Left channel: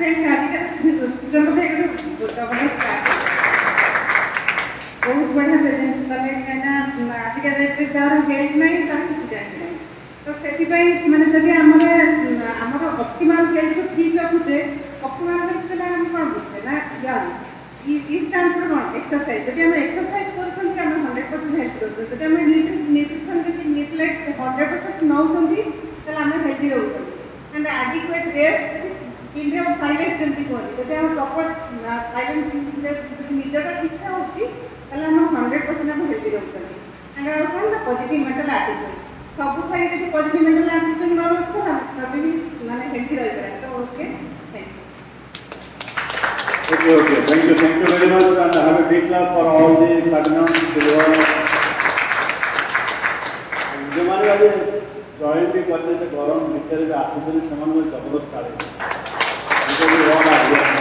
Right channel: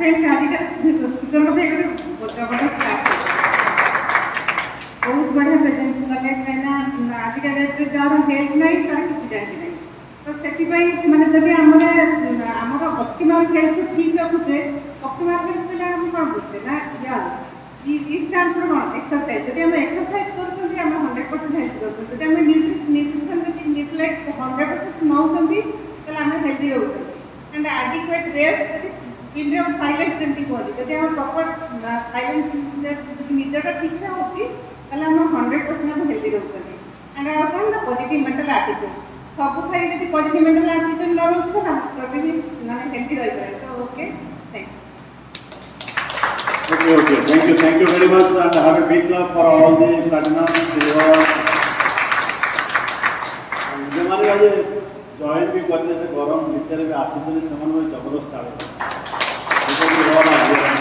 Friends आज का speaker भी अगर जबरदस्त बहुत बढ़िया प्रेजेंट कले कहना आज के डेट रे जार हेल्थ नहीं तार कुछ जाने नहीं तो सेति भाई माने जदि हमरे हमर ऑप्टिमल हेल्थ ठीक रखुते ऑप्टिमल हेल्थ ले हम कोन बुझते ना यार इस स्टैंड फॉर व्हाट एक्सरसाइज जदि हम एक्सरसाइज करते हम 100% हेल्थ रहते जदि हम न्यूट्रिशन जदि नेग्लेक्ट 100% न होती तले हम हेल्दी रहते and adequate rest period of silence जंती बोली जदि हम प्रॉपर साइलेंस जदि निजटा ठीक से होती तले हम 100% हम हेल्दी रहते and also the positive mental attitude सब साइड जदि पॉजिटिव मेंटल एटीट्यूड न रखो तो तभी भी माने हेल्दी रहते हैं तो okay Okay. Thank you very much, and have a big clap for all the platinum, silver. जो माने आज जॉइन भी करने से गरम भीतर में आसुचन समान में जबरदस्त आगे। ये भी हमारा आइडिया है।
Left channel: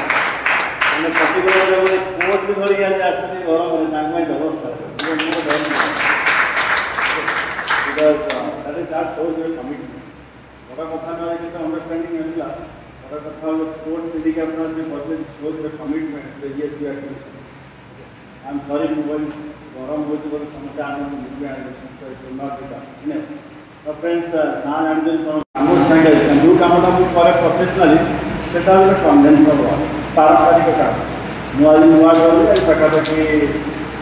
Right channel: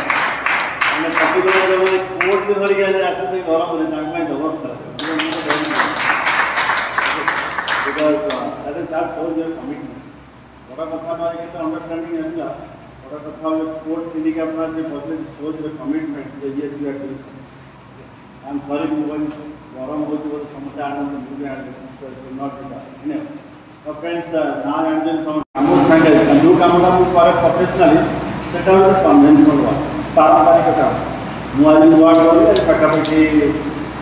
हमने काफी देर में कोर्ट में मर गया था आसुचन गरम में नाम में जबरदस्त है। ये मुझे बहुत because that shows your commitment. और कथा ना एक तो अंडरस्टैंडिंग है ना। और कथा में कोर्ट सिटी के अपना से बहुत shows your commitment that yes you are doing. I'm sorry to go गरम हो जो समस्या आने में मुझे आने so it will not be done. So friends, now I'm doing from Amos Sangal. जो काम हम कर professionally, सेटा जो conventional हुआ, पारंपरिक काम. मुआली नुआ काम है, प्रकार के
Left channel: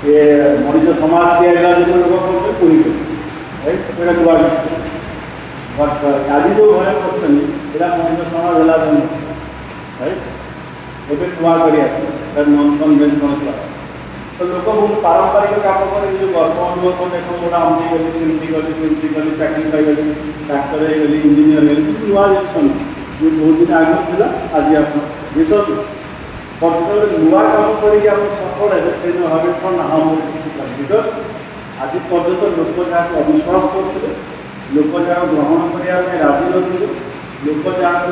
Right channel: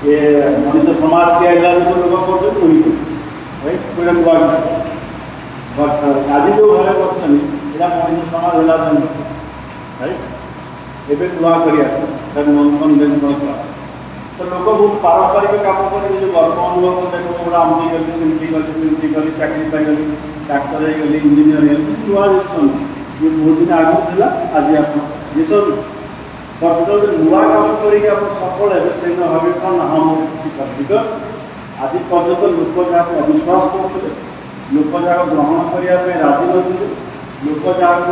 ये मनुष्य समाज के इलाज में लोग करते हैं वही, right? मेरा दुआ है. But आज जो है ऑप्शन, इलाज मनुष्य समाज इलाज में, right? ये भी दुआ करिए, फिर non-conventional काम. तो लोगों को पारंपरिक काम पर जो वर्क अनुभव ने को मोड़ा हमने गली चाकरी गली डॉक्टर है गली इंजीनियर है नुआ जेसन ये बहुत दिन आगे था आज आप ये तो पर्टिकुलर नुआ काम करके आप सफल है से न हमें तो ना हम किसी कर बिकॉज़ आज पर्यंत लोक जाक अविश्वास करते लोक जाक ग्रहण करिया में राजी नथिले लोक जाक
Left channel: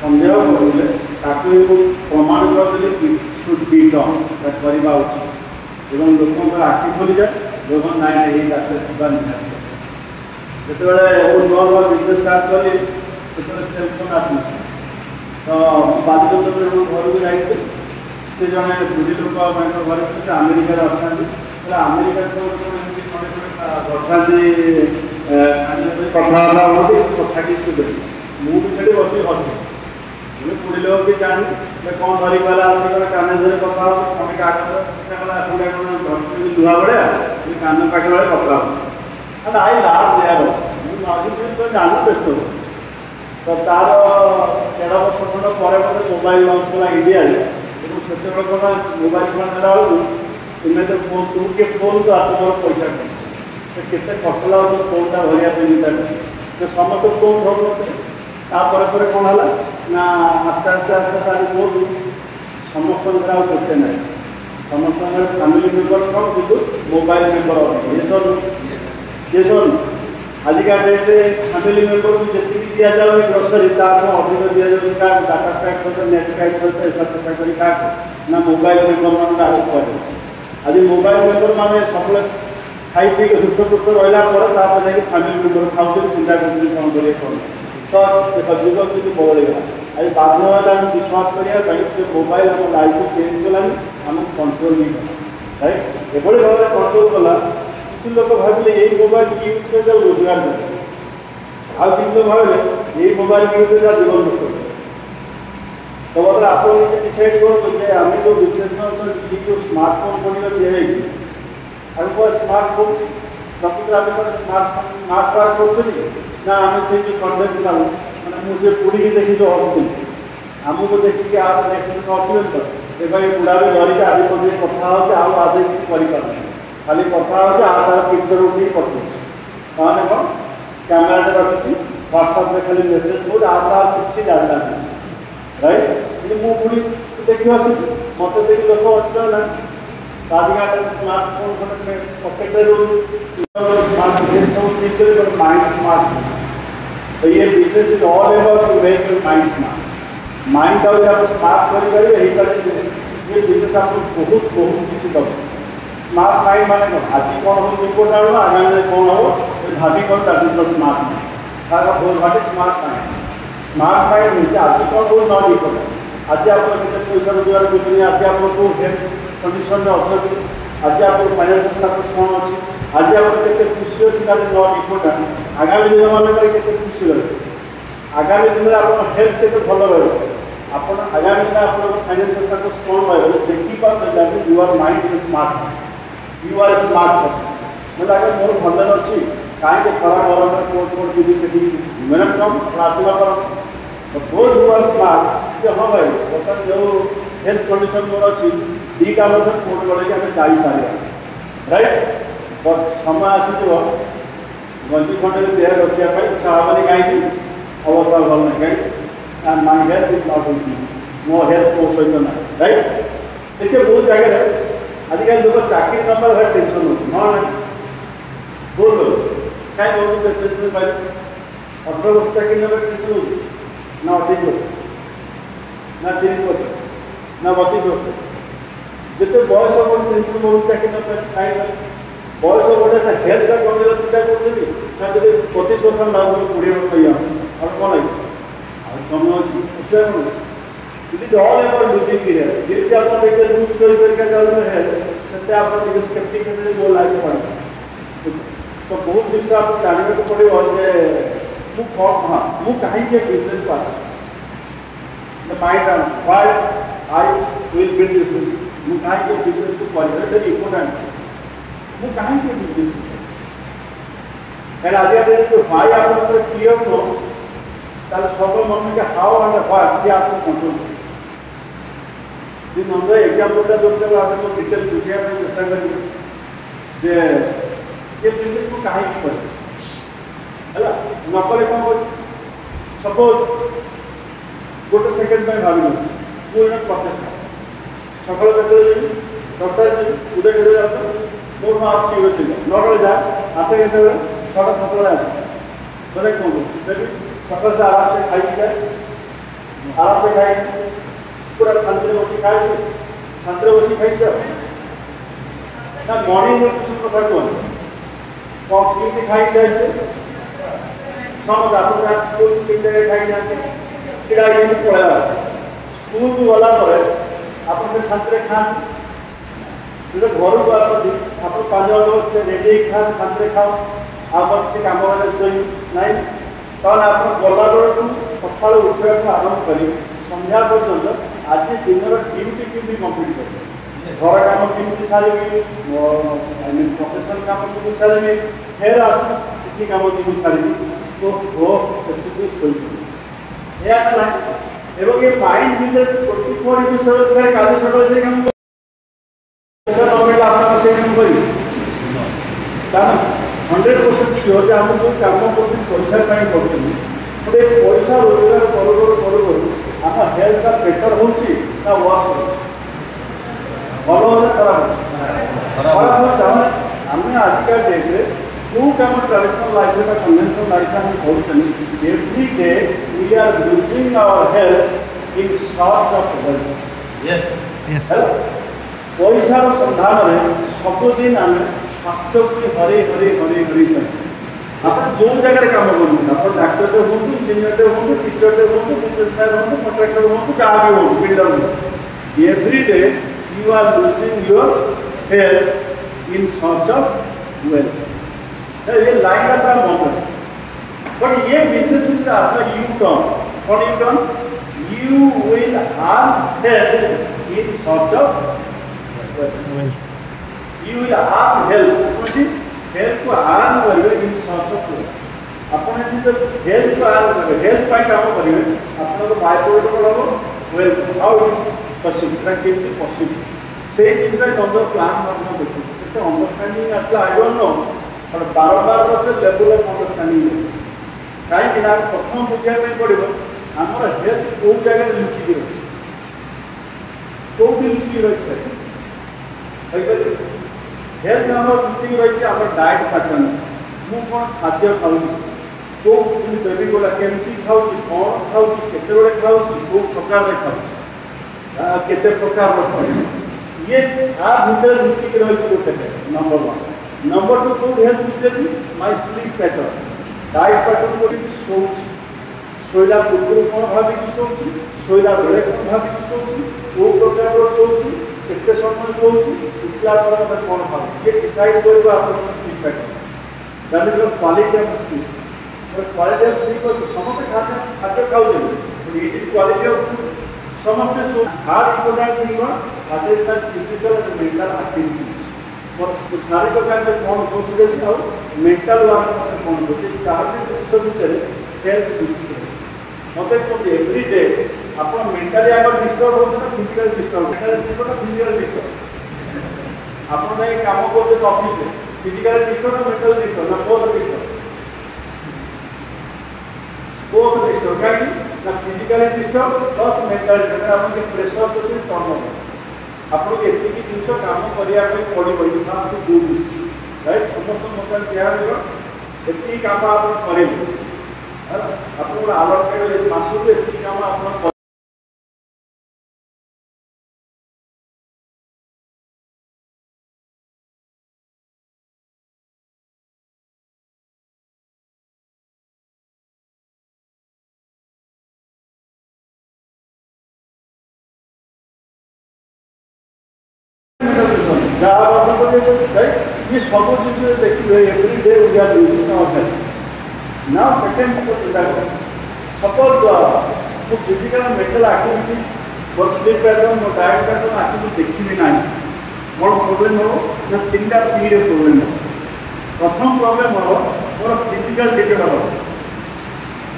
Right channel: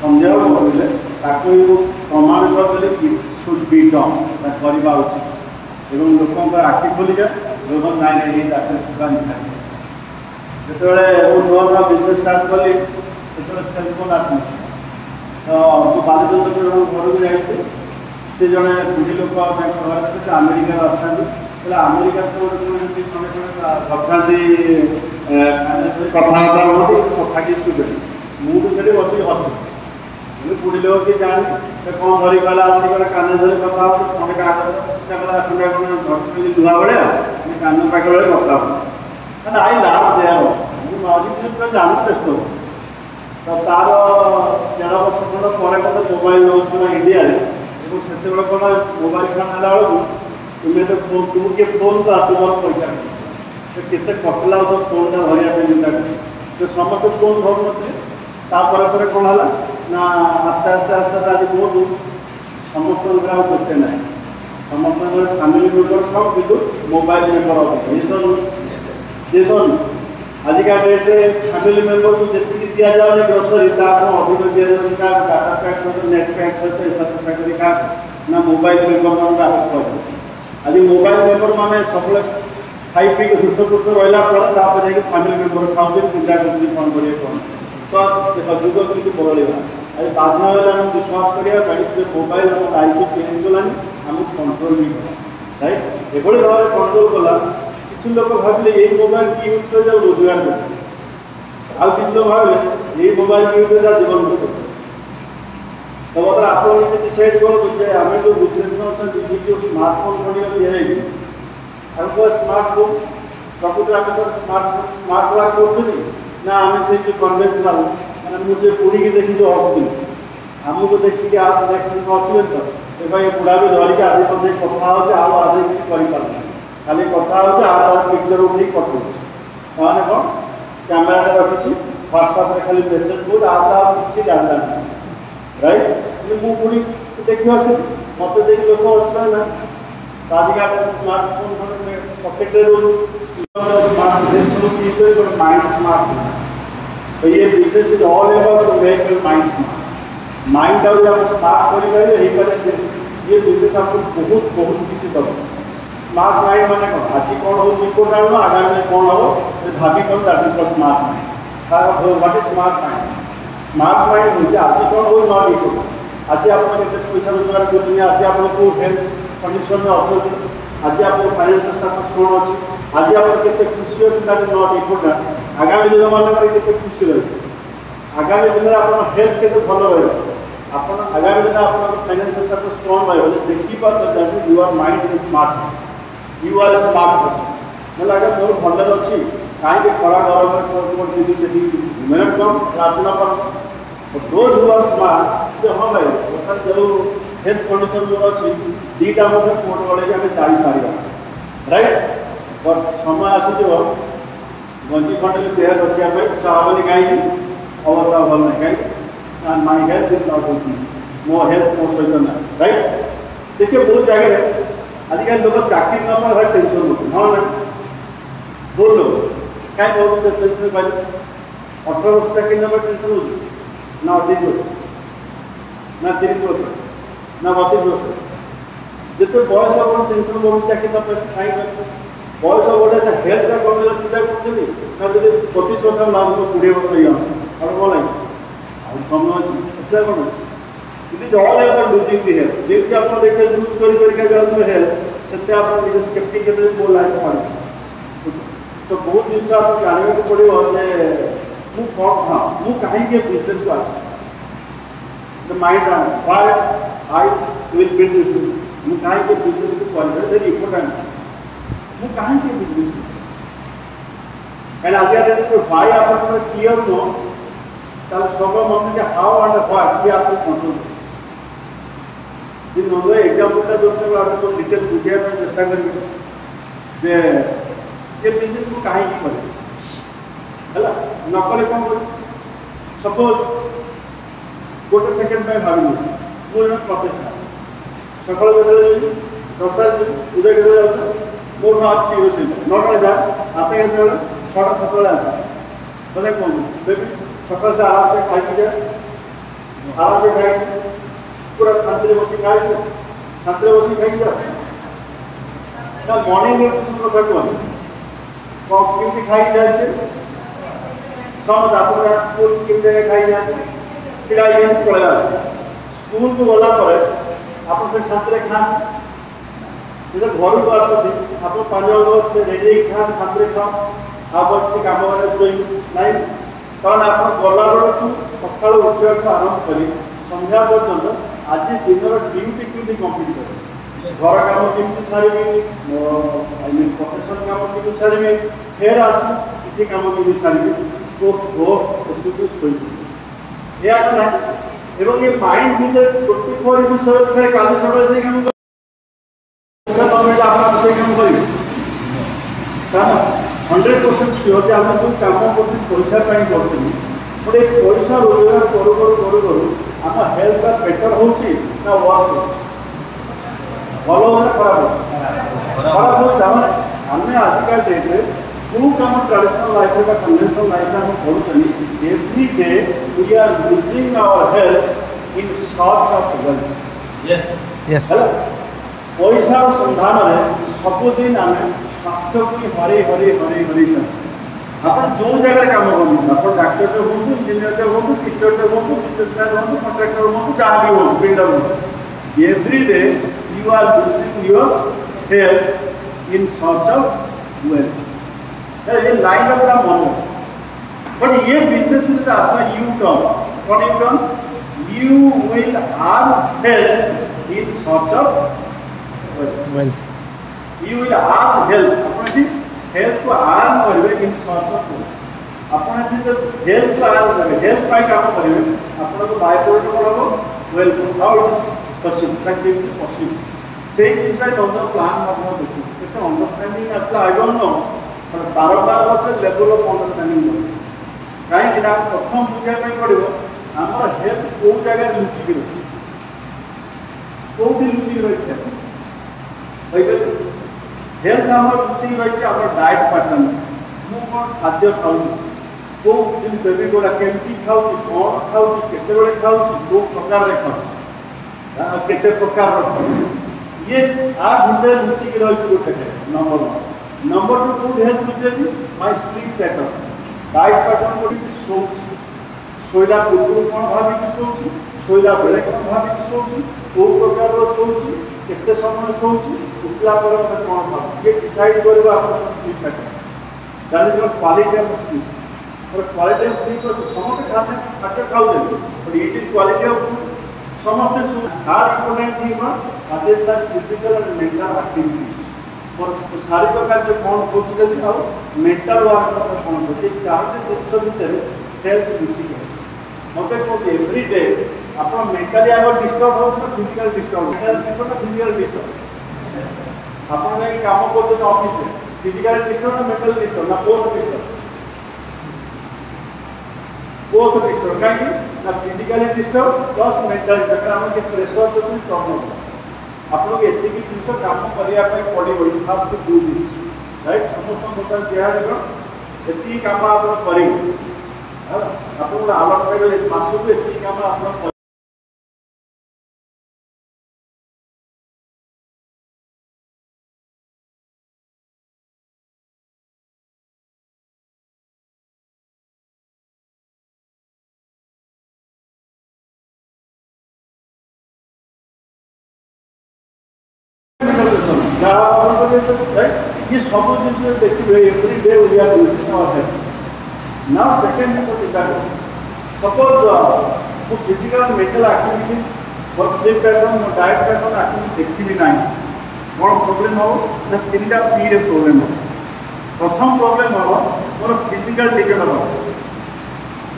संदेह करले ताको प्रमाण करले कि शुड बी डन ता करबा उचित এবং লোকଙ୍କ আখি খুলি যায় লোক নাই এই রাস্তা দোকান যেতବେଳେ ও নর্মাল বিজনেস স্টার্ট কলি সেতବେଳେ সেলফোন আসি তো বাজুদন্ত ঘরକୁ ଯାଇଥିଲି ସେ ଜଣେ ବୁଢ଼ୀ ଲୋକ ତାଙ୍କ ଘରେ ସେ ଆମେରିକାରେ ଅଛନ୍ତି ହେଲେ ଆମେରିକା ତ ଏମିତି ଖଣ୍ଡେ ଅଛନ୍ତି କଥାବାର୍ତ୍ତା ହୁଅନ୍ତି କଥା କିଛି ଶୁଭେନି ମୁଁ ବି ସେଠି ବସିକି ହସେ ମୁଁ ବୁଢ଼ୀ ଲୋକ କି ଜାଣି କ'ଣ ଧରି ଗଲା ଆସିକି ଗୋଟେ କାନ ଧରି କଥା ହେଉଛି ତମେ କାଗଜ पूरा दुआ बड़े ये कानून का बड़े पकड़ा and I laugh there you imagine this का जानना बेस्ट हो तो तार 13 वर्ष खंड परे मते मोबाइल लॉन्च ना इंडिया रे तो सेते को मोबाइल फोन आला वाला तुम्हें तो फोन तुमके फोन तो आत्मा पैसा से केते पकला हो फोन ना भरिया दिन जो समस्त फोन धर मते ता पर कोन हला ना आस्ते ताली को समस्त ग्राम करते ना समस्त फैमिली मेंबर खाओ किंतु मोबाइल मेंबर जेसन आज का डेट रे फैमिली मेंबर को जति दिया जावे ग्रोसरी ता को अधिक दिया जावे का डाटा पैक तो नेट पैक से सब्सक्राइबर का ना मोबाइल मेंबर का कर आज मोबाइल मेंबर माने सब खाई पी के दुष्ट दुष्ट रहला पर ता पर जाके फैमिली मेंबर खाओ से चिंता करके फोन करिए कोन तो देखो जुग किंतु बदलेगा आज बाद में हम विश्वास करिएगा पहले मोबाइल और लाइफ चेंज होलानी हम कंट्रोल नहीं राइट एबोले भाव कंट्रोल कला किसी लोग भाबले ये मोबाइल की यूज कर जो रोजगार कर आ किसी लोग भाबले ये मोबाइल की यूज कर जीवन को तो अगर आप लोग ये डिसाइड करो तो हमें जो बिजनेसमैन से ये जो स्मार्टफोन बनियो ये है हमको स्मार्टफोन प्रकृति में तो स्मार्ट वाला कोच ना हमें से जो कन्वेंशनल ना मुझे पूरी की देखी जो होती हम तो देखी कि आप देखने को असलियत ए भाई बुढ़ा भी धरी के आदि को कथा हो हम आदि किसी करि पार खाली कथा हो आ पिक्चर उठी पठो माने कोन कैमरा रे रखछि व्हाट्सएप रे खाली मैसेज बोल आता किछि जानला राइट ये मु पूरी देखियो से मते देख लोक असला ना सादिका पर स्मार्टफोन खटे पॉकेट रे स्मार्ट बिजनेस सो कीते तो माइंड स्मार्ट तो ये business is all about to make your mind smart mind और जब स्मार्ट हो गए यही पर ये बिजनेस आपको बहुत बहुत किसी दब स्मार्ट माइंड माने आज कौन हो तुमको जानो आगामी कौन हो भाभी कौन दादी को स्मार्ट तार हो बाटे स्मार्ट माइंड हो आज कौन हो न लिखो आज आप पैसा रोजगार करेंगे, आज आप हेल्थ कंडीशन में अच्छे, आज आप फाइनेंशियल स्टेटस कौन अच्छे, आज आप केते खुशी अच्छी ना नॉट इम्पोर्टेंट आगामी दिन मानक केते खुशी रहे, आगामी दिन में आप हेल्थ केते भल रहे, आप आगामी दिन आप फाइनेंशियल स्टेटस कौन रहे देखी पाते you are mind is smart, you are a smart person बोला अगर मोर भंडन अच्छी कहीं खड़ा गरम जीवी से मेहनत कम आसला पर दोज हु आर स्मार्ट कि हाँ भाई बर्तमान जो हेल्थ कंडीशन जो अच्छी दीटा फोन बढ़े आम जाई पार राइट बट समय आसीज गंजी खंडे देह रखापी इच्छा हेनी कहीं अवस्था भल ना कहीं माय हेल्थ इज नॉट मो हेल्थ मो सहित ना राइट देखिए बहुत जगह आजिकल लोग चाकरी न पाए टेंशन होती हाँ ना दो लोग कहीं बहुत टेंशन पाए 18 वर्ष चाकरी न टेंशन होती ना 28 वर्ष ना 30 वर्ष ना 32 वर्ष जिते बयस बढ़ टेंशन बढ़ चाकरी न पाए कहीं बयस बढ़े हेल्थ का कमी चिंता करते जब 25 वर्ष ना 20 वर्ष ही और कौन नहीं समय अच्छी It is all about losing the hair. जिससे आप देखते हैं लूज कोई तरीके का जो है सत्य आप देखते स्केप्टिक के बोल रहा है पॉइंट तो बहुत दिन से आप जानने को पड़े और वो फॉर्म हाँ वो कहीं के बिजनेस को the mind why I will build this business वो कहीं के बिजनेस को क्वालिटी वेरी इम्पोर्टेंट वो कहीं के बिजनेस कैन आगे आगे तो why आप अपने क्लियर हो ताल सब मन के how and what ये आपको कंट्रोल दिन नंबर एग्जांपल का दोस्त को आपको डिटेल पूछे मैं चेष्टा करेंगे जे ये बिजनेस को काहे की करे हला नकले को सपोज गोटे सेकंड में भाग लो वो एक प्रोफेसर सकाळ बेले डॉक्टर जी उदय के जाता मोर मार्क्स की वजह से नॉट जा आसे के छोटा सकाळ आसे बोले कौन लेकिन सकाळ से आराम से खाई जाए आराम से खाई पूरा छात्र बसी खाए छात्र बसी खाई जाओ ना मॉर्निंग न्यूट्रिशन को कौन कॉफ कितनी खाई जाए से समझ आप स्कूल कितने खाई जाए फिर आई पड़ा स्कूल को वाला पर आप फिर छात्र खान जो घर को आसती आप 5 जन रेडी खान छात्र खाओ आप काम वाले सोई नहीं कारण आप गला बेलू सकाल उठा आरंभ कर संध्या पर्यटन आज दिन ड्यूटी केमी कम्प्लीट कर घर कम केमी सारे प्रोफेशन कम केमी सारे फेर आसी कम केमी सारे तो ये माइंड भर 24 विषय काली सकाल कम कर 100% सियोर आम जो कम कर पैसा कहीं कर गोटे पैसा रोजगार करूँ आम हेल्थ बेटर हो वर्स भल हो खराब खराब आम आजिका डेट्रे जो कम ट्रेडिशनल लाइफ कन्वेंशनल लाइफ हम करूँ every day we are losing our health in search of wealth पैसा सन्धान में सबुदिन आम स्वास्थ्य को हरे हरे हरे हरे आप जो जगह काम करूँ आप डाक्टर हूँ इंजीनियर हूँ टीचर हूँ बिजनेसमैन हूँ कॉन्ट्रैक्टर हूँ क्या भी हूँ बिल्डर हूँ every day you are losing your health in search of wealth ये लाइन अपना मन बट ये बिजनेस में आसला यू टर्न कौन U turn you will earn health in search of wealth you will earn health अपनी health को आराम करेंगे इन सर्च ऑफ वेल्थ अपने हेल्थ को आराम करेंगे हेल्थ पाई काम करेंगे आपन को बाय प्रोडक्ट पड़ो wealth how it possible practically possible से जिनसे जो प्लान हम देखो तो अंडरस्टैंडिंग अच्छा आई डोंट नो पर बारंबार से लेवल ऑफ अंडरस्टैंडिंग कहीं कि प्रथम बुझिया में पड़ो हमर हेल्थ को जगह लुचि के कोठी लुचि रही हेल्थ आमर लुचि रही आम डाएट पैटर्न मु कौन खाद्य खाऊँ को बेबी गोला केमती खाऊ कौन खाऊ केते खाऊ जो प्रकार खाऊ केते प्रकार ये आ भीतर लुचि के रही गोटे नंबर 1 नंबर 2 फूड हेल्थ लुचि my sleep pattern diet pattern को सोच सोइला पूर्व कौन भाभी सोच शोला बेले कौन भाविक शोची कौ प्रकार शोची केते समय शोची उठला बेले मैं कौन भाव ये डिसाइड कर sleep pattern that is quality of sleep और क्वालिटी ऑफ स्लीप समस्त खाद्य खाऊ but it is quality of समस्त हार्ड इम्पोर्टेंट थिंग कौन that physical and mental activities और शारीरिक कार्य कौन कौन और मेंटल वर्क कौन होती चार जिन भितर हेल्थ डिजिटल मत कहते एवरी डे आप मेंटाली आगे डिस्टर्ब होते फिजिकल डिस्टर्ब फिजिकल डिस्टर्ब आप कम करते ऑफिस फिजिकल डिस्टर्ब ना मेंटल डिस्टर्ब ना बोथ डिस्टर्ब कहीं ना physically disturb plus mentally disturb pressure जो कम हो आपको एति जिन कम करने पड़ो फास्ट डू दिस राइट समस्त मुझे एति कम आप करेंगे आपको आलोचना मासक एति कम आप ये सब जिन देखिए every day we are using now second suppose जो फिजिकल मेंटल एक्टिविटीज और स्लीप पैटर्न और डाइट पैटर्न आपको देखिए ना कौन प्रोब्लेम हो ना तीन टा पी रे प्रोब्लेम हो प्रथम प्रोब्लेम हो मोर फिजिकल डिजॉर्डर हो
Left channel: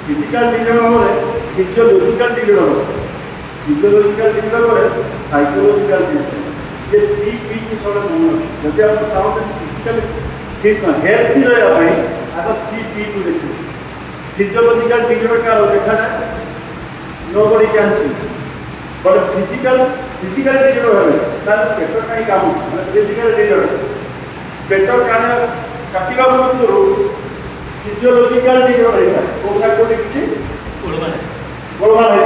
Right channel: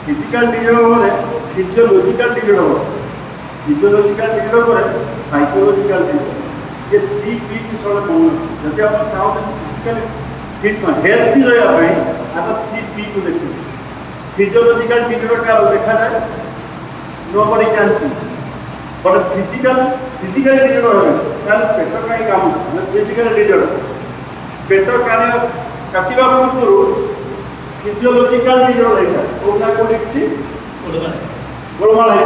फिजिकल डिजॉर्डर रे फिजियोलॉजिकल डिजॉर्डर हो फिजियोलॉजिकल डिजॉर्डर रे साइकोलॉजिकल डिजॉर्डर ये थ्री पी की सोला बोल जब आप चाहो फिजिकल फिट हेल्थी रहे आप थ्री पी को देखिए फिजियोलॉजिकल डिजॉर्डर का देखा जाए nobody can see but physical disorder है पेट का काम है फिजिकल डिजॉर्डर पेट कार्य काटिबा पूर्व फिजियोलॉजिकल डिजॉर्डर है कोना को देखछि गोलमाल है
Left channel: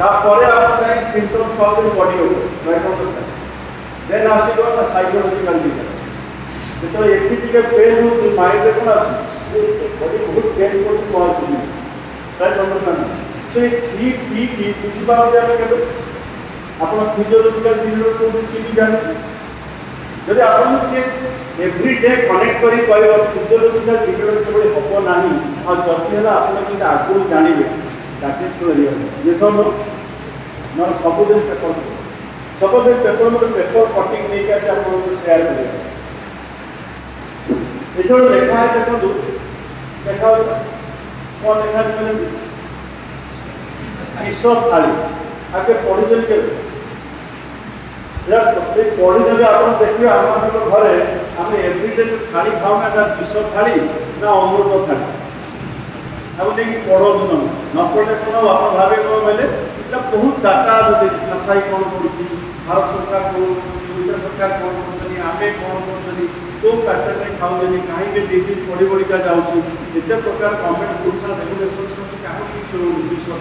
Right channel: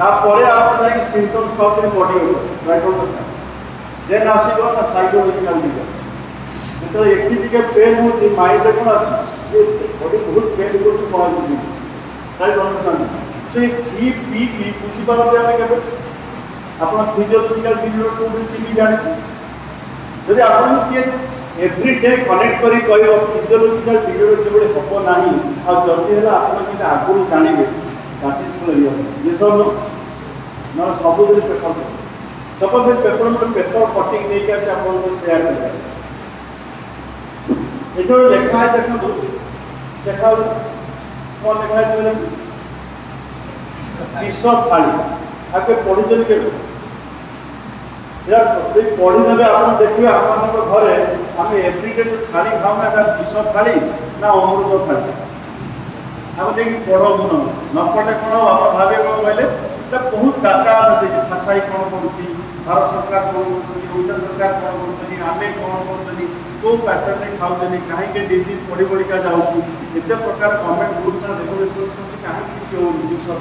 तापर आप सिम्पटम्स को बॉडी हो राइट ऑन देन आसी ना साइकोलॉजिकल डिजॉर्डर तो एक के पेन हो माइंड को ना बॉडी बहुत पेन को कॉल राइट अंडरस्टैंड सो ये थ्री पी की बुझी पावे के आपण फिजियोलॉजिकल डिजॉर्डर को की जाने यदि आपण के एवरी डे कनेक्ट करी कहयो फिजियोलॉजिकल डिजॉर्डर जोड़े हबो नाही आ जति है आपण के आगु जानिबे दैट इज सो रियल ये सब ना सब दिन पेपर में पेपर कटिंग नहीं के आपण को शेयर करें ये जो लिखा है देखो देखा वो लिखा है विश्व थाली आगे पढ़ी जन के पढ़ी देवे आप देखिए आप घरे आम एवरीडे जो थाली खाऊ ना विश्व थाली ना अमृत थाली आम देखिए पढ़ू न पढ़े कौन आप भावे कौन बोले बहुत डाटा भाषा कौन कर भारत सरकार कौन ओडिशा सरकार कौन कर आम कौन कर कौ कार्य खाऊ कहीं डिजीज बढ़ी बढ़ी का जाऊँ एत प्रकार गवर्नमेंट रूल्स एंड रेगुलेशंस कहीं विश्व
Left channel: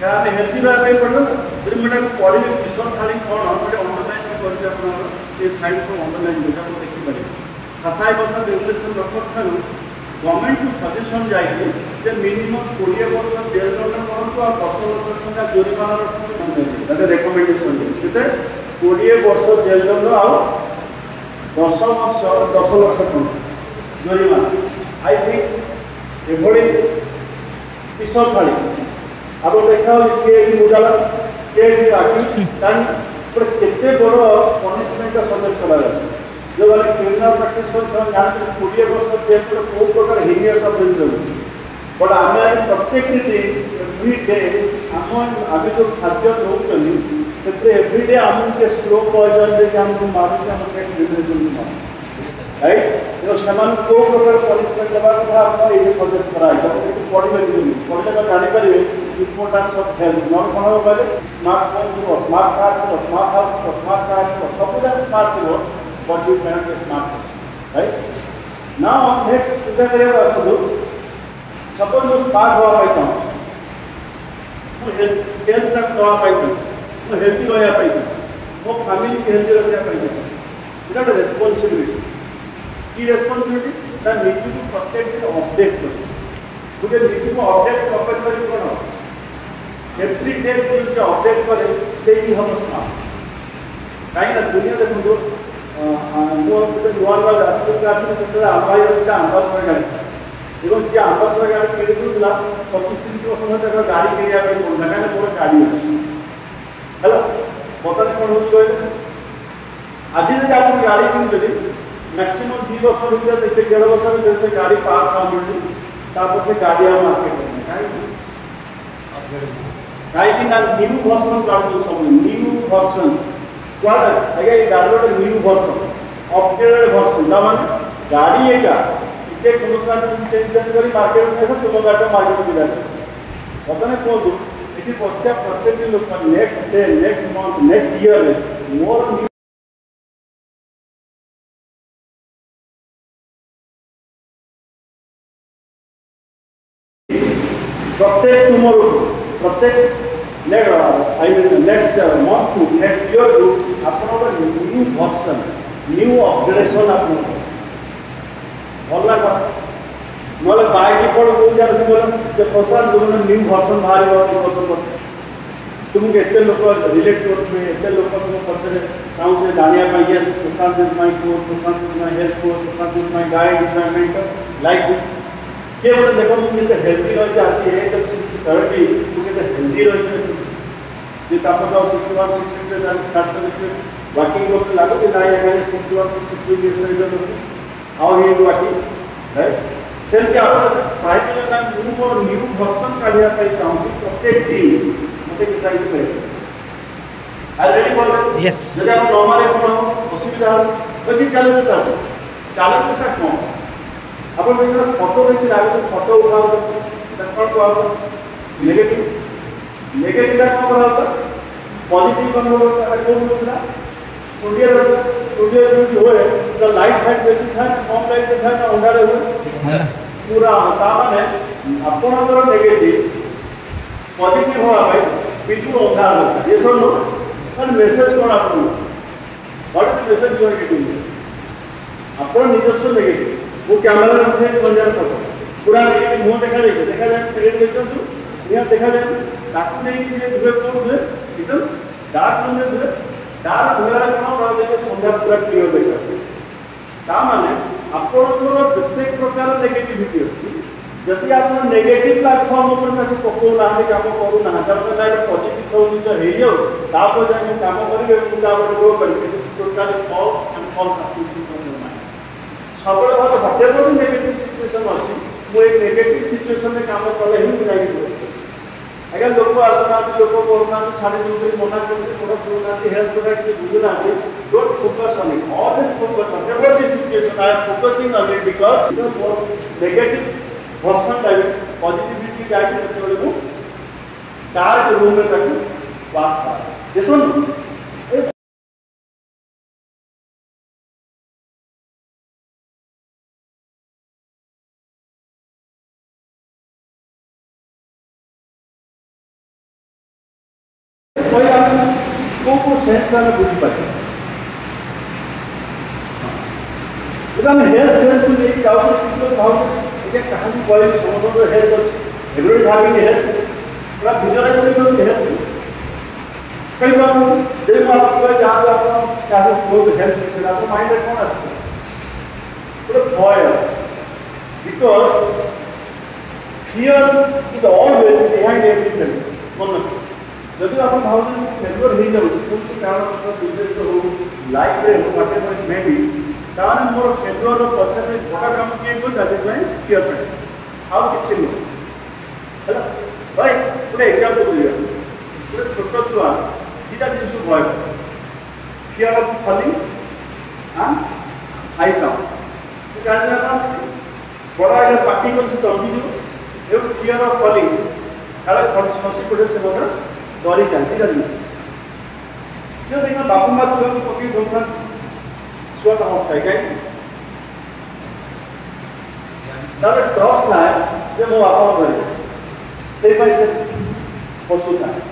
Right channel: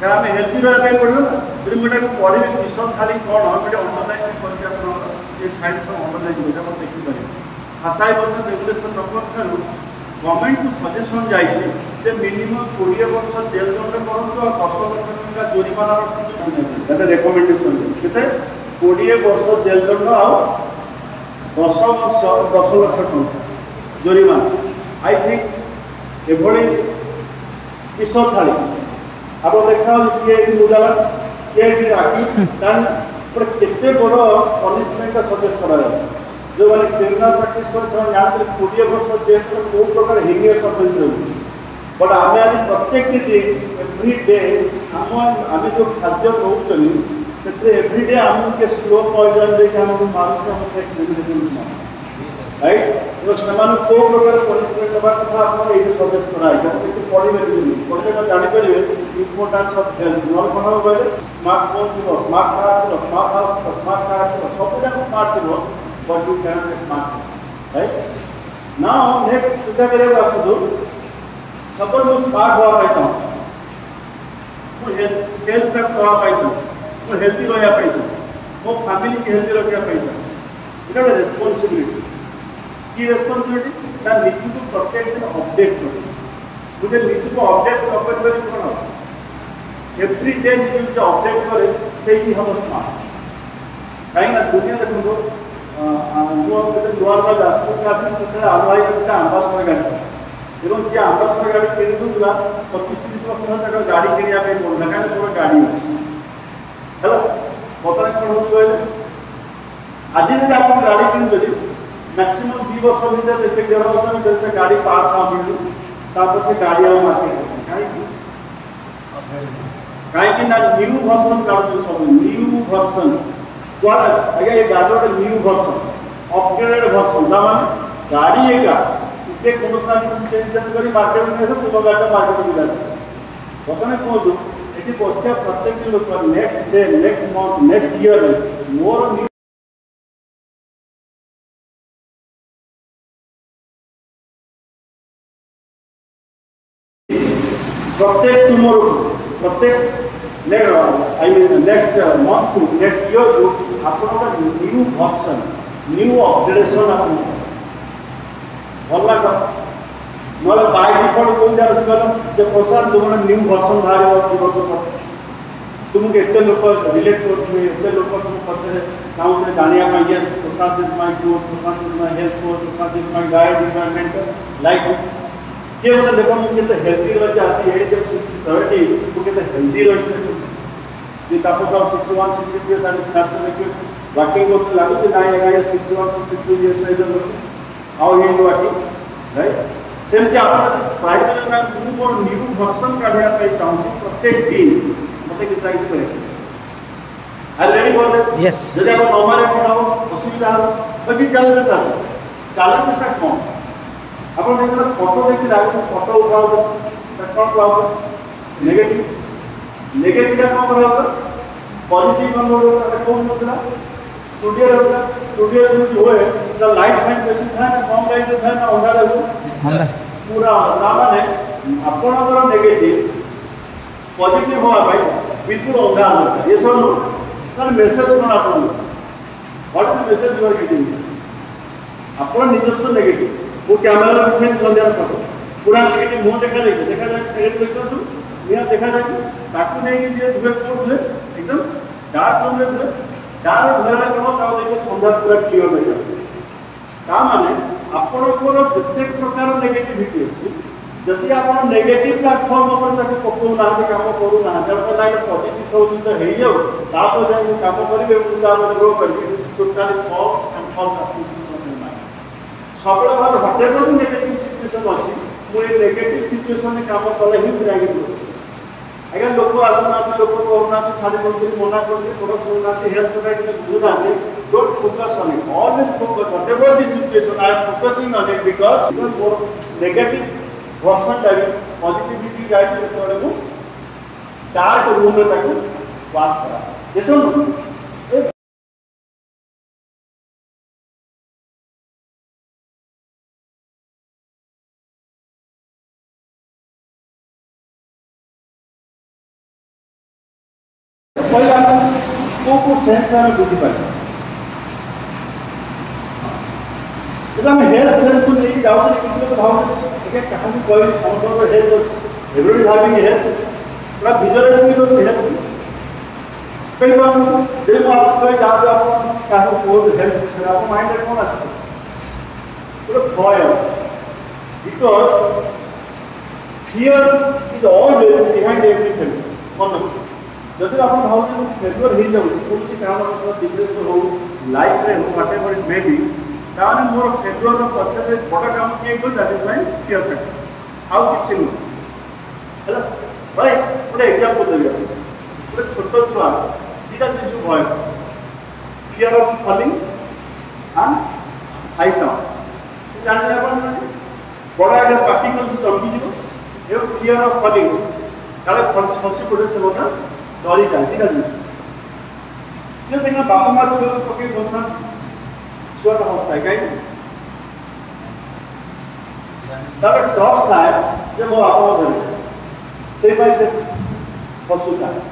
क्या आम हेल्थी रहा पड़ो जब गोटे पढ़े विश्व खाली कौन गोटे ऑनलाइन कर साइट ऑनलाइन गुटाक देखिए भाषा एवं रेगुलेशन रखु गवर्नमेंट को सजेसन जाइए मिनिमम 20 वर्ष जेल दंड करूँ और 10 लाख टका जुर्माना रेकमेंडेसन के 20 वर्ष जेल दंड आ 10 वर्ष 10 लाख टका जुर्माना आई थिंक एभली विश्व थाली आप देखा किए मुजाला किए राखी केते बड़ पनिशमेंट सजेस्ट करा जो मैंने क्रिमिनल प्रैक्टिस कर जानते 20 वर्ष जेल तो कौ प्रकार हिनियस ऑफेंस बट आम आज प्रत्येक एवरी डे आम जो खाद्य खाऊँ से एवरी डे आमको स्लो पॉइजन देखिए आमको मारूँ राइट तो से कौ प्रकार पनिशमेंट देवा कथा आप ये सजेस्ट कराए पढ़े पढ़े तो जापर इम्पोर्टान्स ऑफ हेल्थ नॉट कौन हो गए स्मार्टफोन थी स्मार्ट कार्ड स्मार्ट कार्ड सब जगह स्मार्ट थी but you cannot be smart, right? Now let's चिंता करिए बात को suppose मैं smart हुआ रहता हूँ, मैं health का हुआ रहता हूँ, मैं healthy होया रहता हूँ, मैं family की healthy होया रहता हूँ, इतना बड़ा responsibility, की responsibility, ना नीति को प्रत्येक को update करो, मुझे नीति को update करने के लिए क्या एवरी डे जो अपडेट करे से ही हम स्मार्ट कहीं ना दुनिया देखो जो नुआ नुआ राष्ट्रीय ट्राफिक से आमभाई आंबास गाड़ी एवं जे आंबास गाड़ी किणुला 25-30 वर्ष ना गाड़ी किनिया पड़ना कहीं गाड़ी अच्छी है बर्तमान कौन हो आज जब आप गाड़ी किनुचे मैक्सिमम 2 वर्ष भर देखते 1.5 वर्ष भर से गाड़ी पार्ट मिलू से गाड़ी और मार्केट कहीं न्यू वर्सन काढतो सब न्यू वर्सन क्या है ये गाड़ी गोटे न्यू वर्सन अपग्रेडेड वर्सन ना माने गाड़ी एका इते गुणसार चेंज करी मार्केट में देखो तुम गाड़ी मार्केट में जाए बतने को इति बच्चा प्रत्येक लोक next day next month next year more प्रत्येक टुमोरो प्रत्येक next month to next year to आपन न्यू वर्सन न्यू अपग्रेडेशन आपन भला नले बाय डिफॉल्ट को जाय जे पोसान जो न्यू वर्सन बाहर वर्सन तुम एते लोक रिलेट करथि एते लोक तुम पछे नाउ जे जानिया पाई yes Poshan is my coach Poshan is my health coach Poshan is my guide is my mentor like this के बोले देखो कितने हेल्दी रह जाती है जब 70 वो कितने हेल्दी रह ये कापो 61 62 इयर्स एंड कैपिटल वर्किंग को लागो जे नाइ नाइ 61 62 इयर्स रे जो how he working right same के आप प्राइवेट में मुझे को न्यू वर्सन काढिया पे चाहूँ प्रत्येक दिन मते डिसाइड करे ऑलरेडी बोल यस जब आप नॉर्मल पढ़ो असुविधा बाकी चैलेंजेस आसे चैलेंजेस का कौन अपन देखो फोटो देखि लागो फोटो उठाओ देखो को नेगेटिव नेगेटिव का कौन रहा पॉजिटिव कौन रहा कौन होता स्टूडियो जो होए तो लाइट फैन बेसिस है कम लाइट है ना अंधारा हो पूरा ना माने आपनकर नेगेटिव पॉजिटिव हो भाई बिल्कुल अंधारा हो ये सब लो तर मेसेज कोन आपन what is message you are getting आपन निजस्व नेगेटिव वो कैमरा में से संचार करता पूरा नेगेटिव मुंह देखा जाए क्रिएट पिक्चर तो ये देखा जाए ताकि नहीं जे वेब कोड है एकदम डार्क रूम में डार्क उजाला करो का देखो संध्या पूरा क्लियर देखो का माने आपन को प्रत्येक प्रकार नेगेटिविटी अछि जति आपन नेगेटिव प्लेटफॉर्म ऊपर तक पको ना के काम करू ना जब तक लाइक पॉजिटिव सोच हे जो तापर जे काम करिवे मुंडा में ग्रो करिवे total false and false association ना सबले बात हटे को नेगेटिव सिचुएशन अछि वो एक नेगेटिव सिचुएशन में काम करले ही पूरा ही अगर लोग आसना लोग कोरोना तो छाड़े कोन मना करते थोड़ा सोना के हेल्थ प्रोडक्ट के दूर आते don't focus on it always focus on whatever the situation I am focusing on it because negative personal type positivity जाए तो लोग डार्क रूम में ताको वास पाए ये सुन को सेंस में बुझी पाए जब हम हेल्थ सेंस को लेके जाओ तो भाव ये कहानी कोई संपूर्ण हेल्थ एवरीवन हैविंग हेल्थ पूरा विजुअलाइज को हेल्थ कई बार दिल को आपको जहाँ पे आप क्या हो कोई हेल्थ से आपको माइंड में कौन आता है पूरा भय because fear is always behind everything मतलब जब आप भावना फेवर हो जाओ कौन सी कारण से बिजनेस हो लाइफ रे हो माटे पर मे बी कारण मोर फेवर पछते बड़ा काम किए कोई that is my fear factor how किछ नहीं हैला भाई पूरे एग्जांपल दिया पूरे छोटो छुआ दिटा जिंस भय fear of falling and high sound तो जान आप बड़ा अगर पार्टी को समझी जो ये फियर ऑफ फॉलिंग काला फंक्शन पड़े से होता डरी जाती नहीं जो दिन बापा माँ छुआ को पकड़ी दोनों छुआ का होता है क्या जब टॉस था जब वो आपको बोले से भाई से पहुँचता है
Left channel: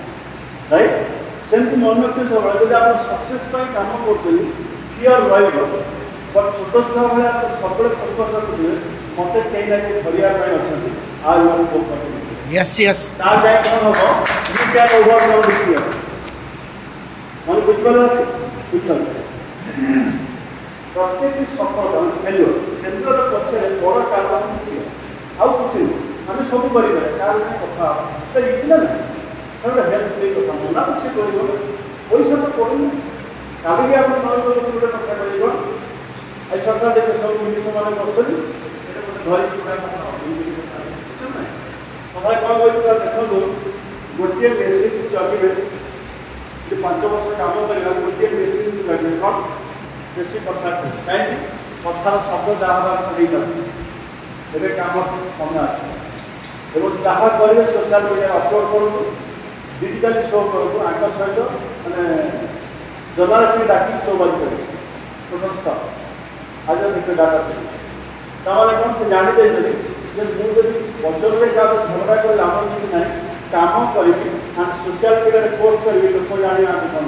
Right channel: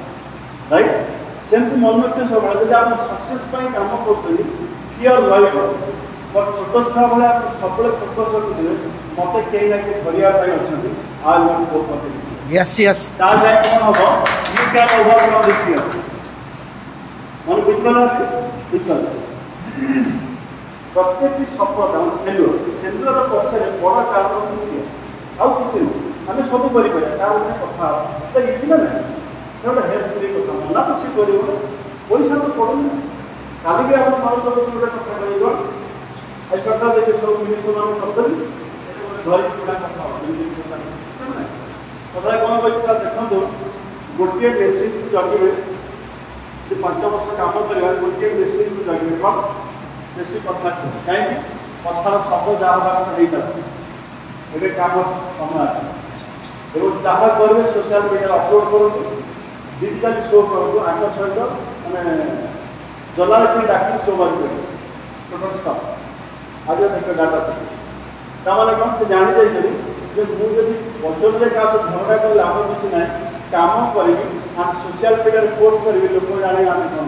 राइट सेम टू मन में कुछ होगा जब आप सक्सेस पर काम करते हो फियर लाइफ पर छोटा सा वाला आप सबले फोकस करते हो मते कहीं ना कहीं बढ़िया पे अच्छा आज वो करते Yes, yes. ताले कौन होगा? You can overcome the fear. मन विज्ञान प्रत्येक सफलता फेल्योर फेल्योर पक्षे बड़ कारण किए आउ किसी आम सब कर कथा तो ये ना से हेल्प कथा मना तो सी कर पैसा तो पड़ूना कल भी आप मन गोटे कथा कर सरकार देखे सब जिन मैंने धरिक कथा कौन देखो गोटे मेसीन जगह 5 वर्ष काम कर गोटे मेसीन जगह कौन बेसी कथा कहीं कथार शब्द जहाँ एवं कम कम एवं जहाँ करेंगे सोशल मीडिया अपलोड करूँ डिजिटाली शो करूँ आम सहित मैंने जर्नालीस्ट डाक शो कर आज निक डाटा ताने कौन से जानी जाइए मुझे वजन में क्या धंधा कर आम किसी ना काम करी सोशल मीडिया पोस्ट करी लोक जाने आम कौन